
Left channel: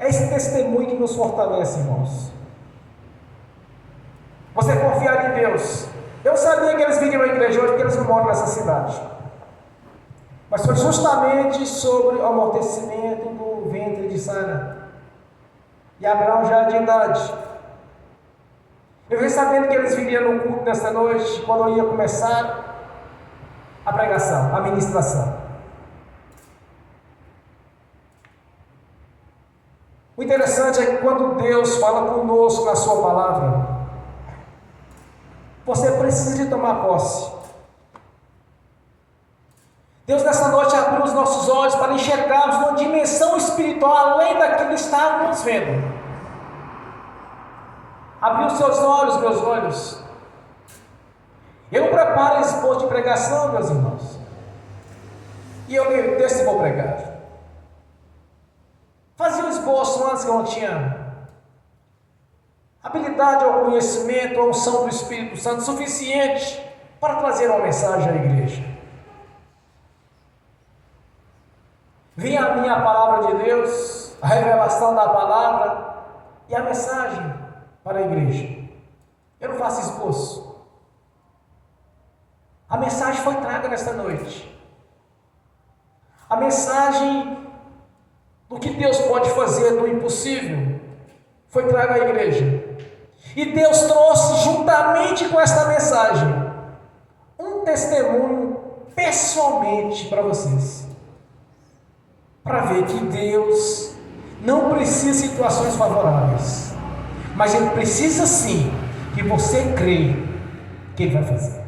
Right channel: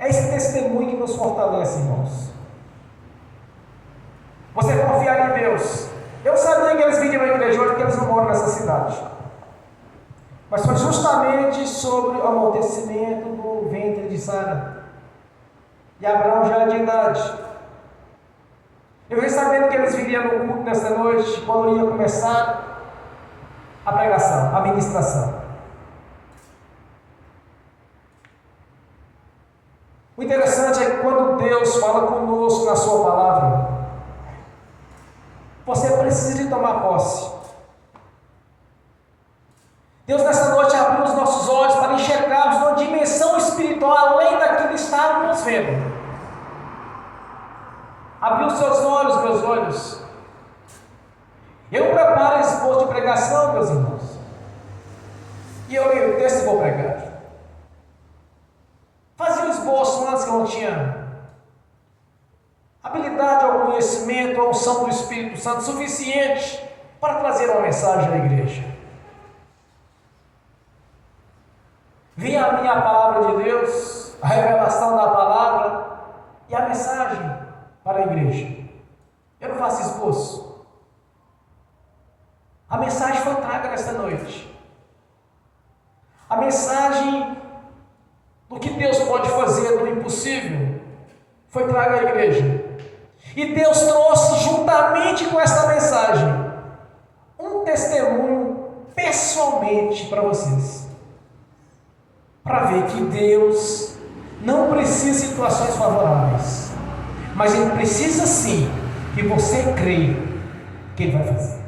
É esse testemunho que nos fortalece, irmãos. Você confiar em Deus. Eu sabia que eles vinham à igreja hoje porque eles não moram nessa cidade. Mas foi justamente sobre o amortecimento do ventre de Sara. E Abraão já de idade. Eu fiquei sabendo que eles viriam no culto nesta noite, quando ia começar a pregação, a ministração. O interessante é que quando Deus fala conosco na sua palavra, você precisa de tomar posse. Deus nessa noite abriu os nossos olhos para enxergarmos uma dimensão espiritual além daquilo que estávamos vendo. Abriu os seus olhos, meus olhos. Eu não preparo esse posto de pregação, meus irmãos. E eu leio o texto e vou pregar. Fazia um esboço antes que eu não tinha habilidade ou conhecimento ou unção do Espírito Santo suficiente para trazer uma mensagem à igreja. Vinha a minha palavra de Deus, a revelação da palavra e a mensagem para a igreja. Eu não faço esboço. A mensagem foi traga nesta noite. A mensagem do que Deus pode fazer do impossível foi traga à igreja. E Deus trouxe juntamente com esta mensagem um testemunho pessoalmente para vocês. Para ver que Deus não precisa de situações favoráveis, mas Ele precisa sim que você creia que Ele vai fazer.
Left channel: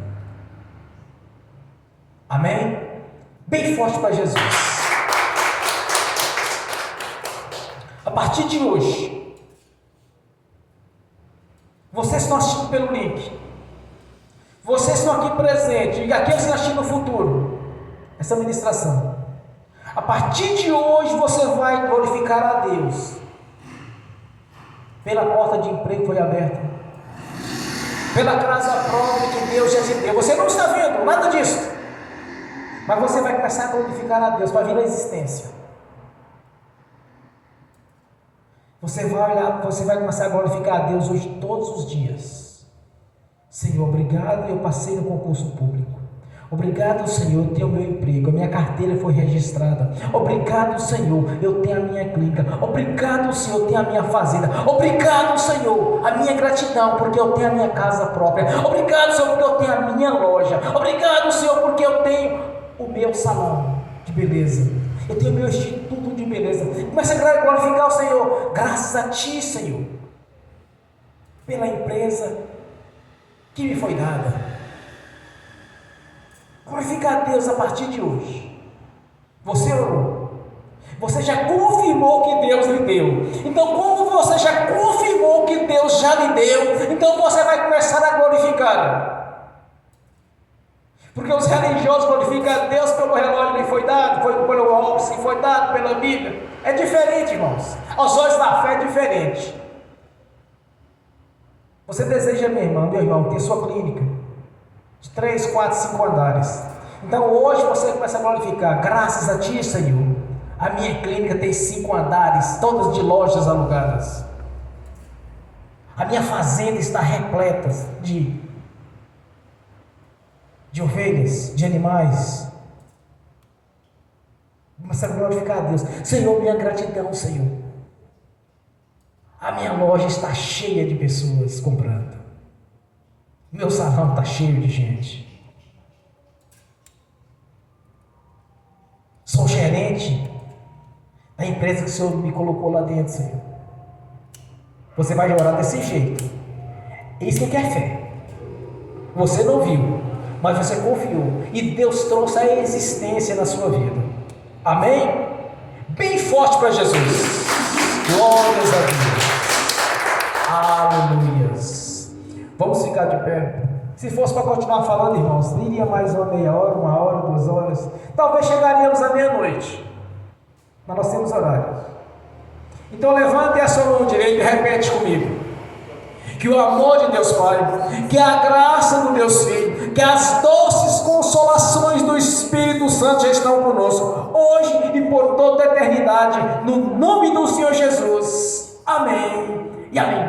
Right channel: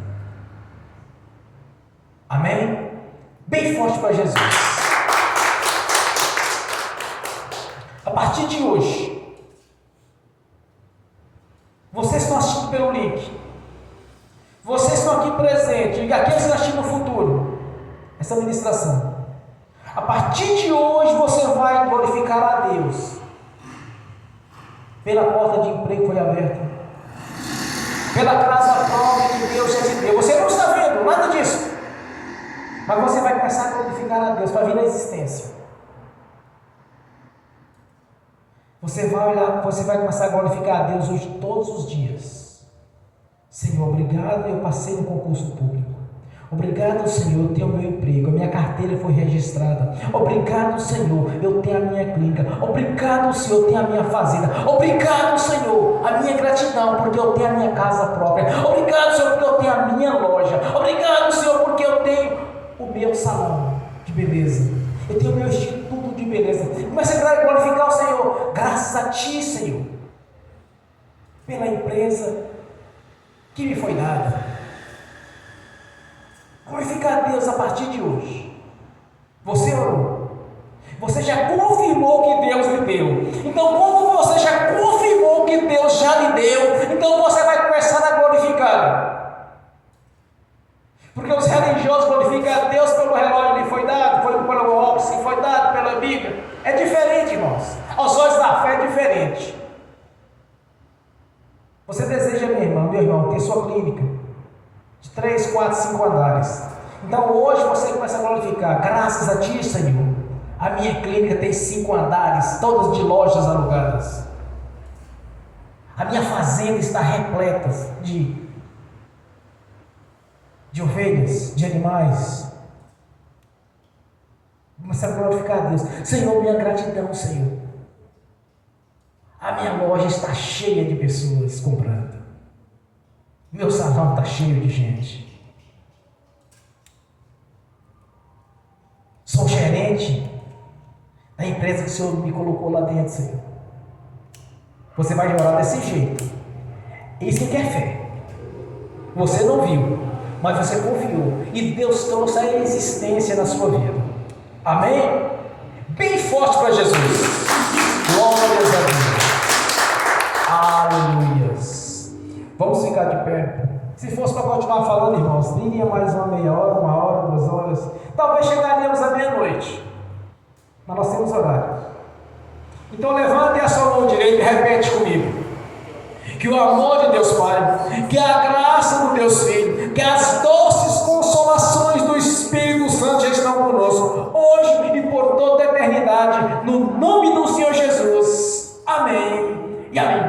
Amém? Bem forte para Jesus. A partir de hoje, vocês estão assistindo pelo link, vocês estão aqui presentes, e aqueles que estão assistindo no futuro, essa ministração. A partir de hoje você vai glorificar a Deus pela porta de emprego que foi aberta, pela casa própria que Deus já te deu. Você não está vendo nada disso, mas você vai começar a glorificar a Deus, vai vir a existência. Você vai olhar, você vai começar a glorificar a Deus hoje todos os dias. Senhor, obrigado, eu passei no concurso público. Obrigado, Senhor, eu tenho meu emprego, a minha carteira foi registrada. Obrigado, Senhor, eu tenho a minha clínica. Obrigado, Senhor, eu tenho a minha fazenda. Obrigado, Senhor, a minha gratidão, porque eu tenho a minha casa própria. Obrigado, Senhor, porque eu tenho a minha loja. Obrigado, Senhor, porque eu tenho o meu salão de beleza. Eu tenho o meu instituto de beleza. Comece a glorificar o Senhor. Graças a Ti, Senhor, pela empresa que me foi dada. Glorificar a Deus a partir de hoje. Você orou, você já confirmou que Deus lhe deu. Então, como você já confirmou que Deus já lhe deu, então você vai começar a glorificar. Porque os religiosos glorificam a Deus pelo relógio que lhe foi dado, foi pelo óculos que foi dado, pela Bíblia. É diferente, irmãos. Aos olhos da fé é diferente. Você deseja, meu irmão, ter sua clínica de 3, 4, 5 andares. Então hoje você começa a glorificar. Graças a Ti, Senhor, a minha clínica tem 5 andares, todas de lojas alugadas. A minha fazenda está repleta de ovelhas, de animais. Começa a glorificar a Deus. Senhor, minha gratidão, Senhor. A minha loja está cheia de pessoas comprando. Meu salão está cheio de gente. Sou gerente da empresa que o Senhor me colocou lá dentro, Senhor. Você vai orar desse jeito. Isso que é fé. Você não viu, mas você confiou e Deus trouxe a existência na sua vida. Amém? Bem forte para Jesus. Glórias a Deus. Aleluias. Vamos ficar de pé. Se fosse para continuar falando, irmãos, iria mais uma meia hora, 1 hora, 2 horas. Talvez chegaríamos à meia-noite. Mas nós temos horário. Então levante a sua mão direita e repete comigo. Que o amor de Deus Pai, que a graça do Deus Filho, que as doces consolações do Espírito Santo já estão conosco, hoje e por toda a eternidade, no nome do Senhor Jesus. Amém e amém.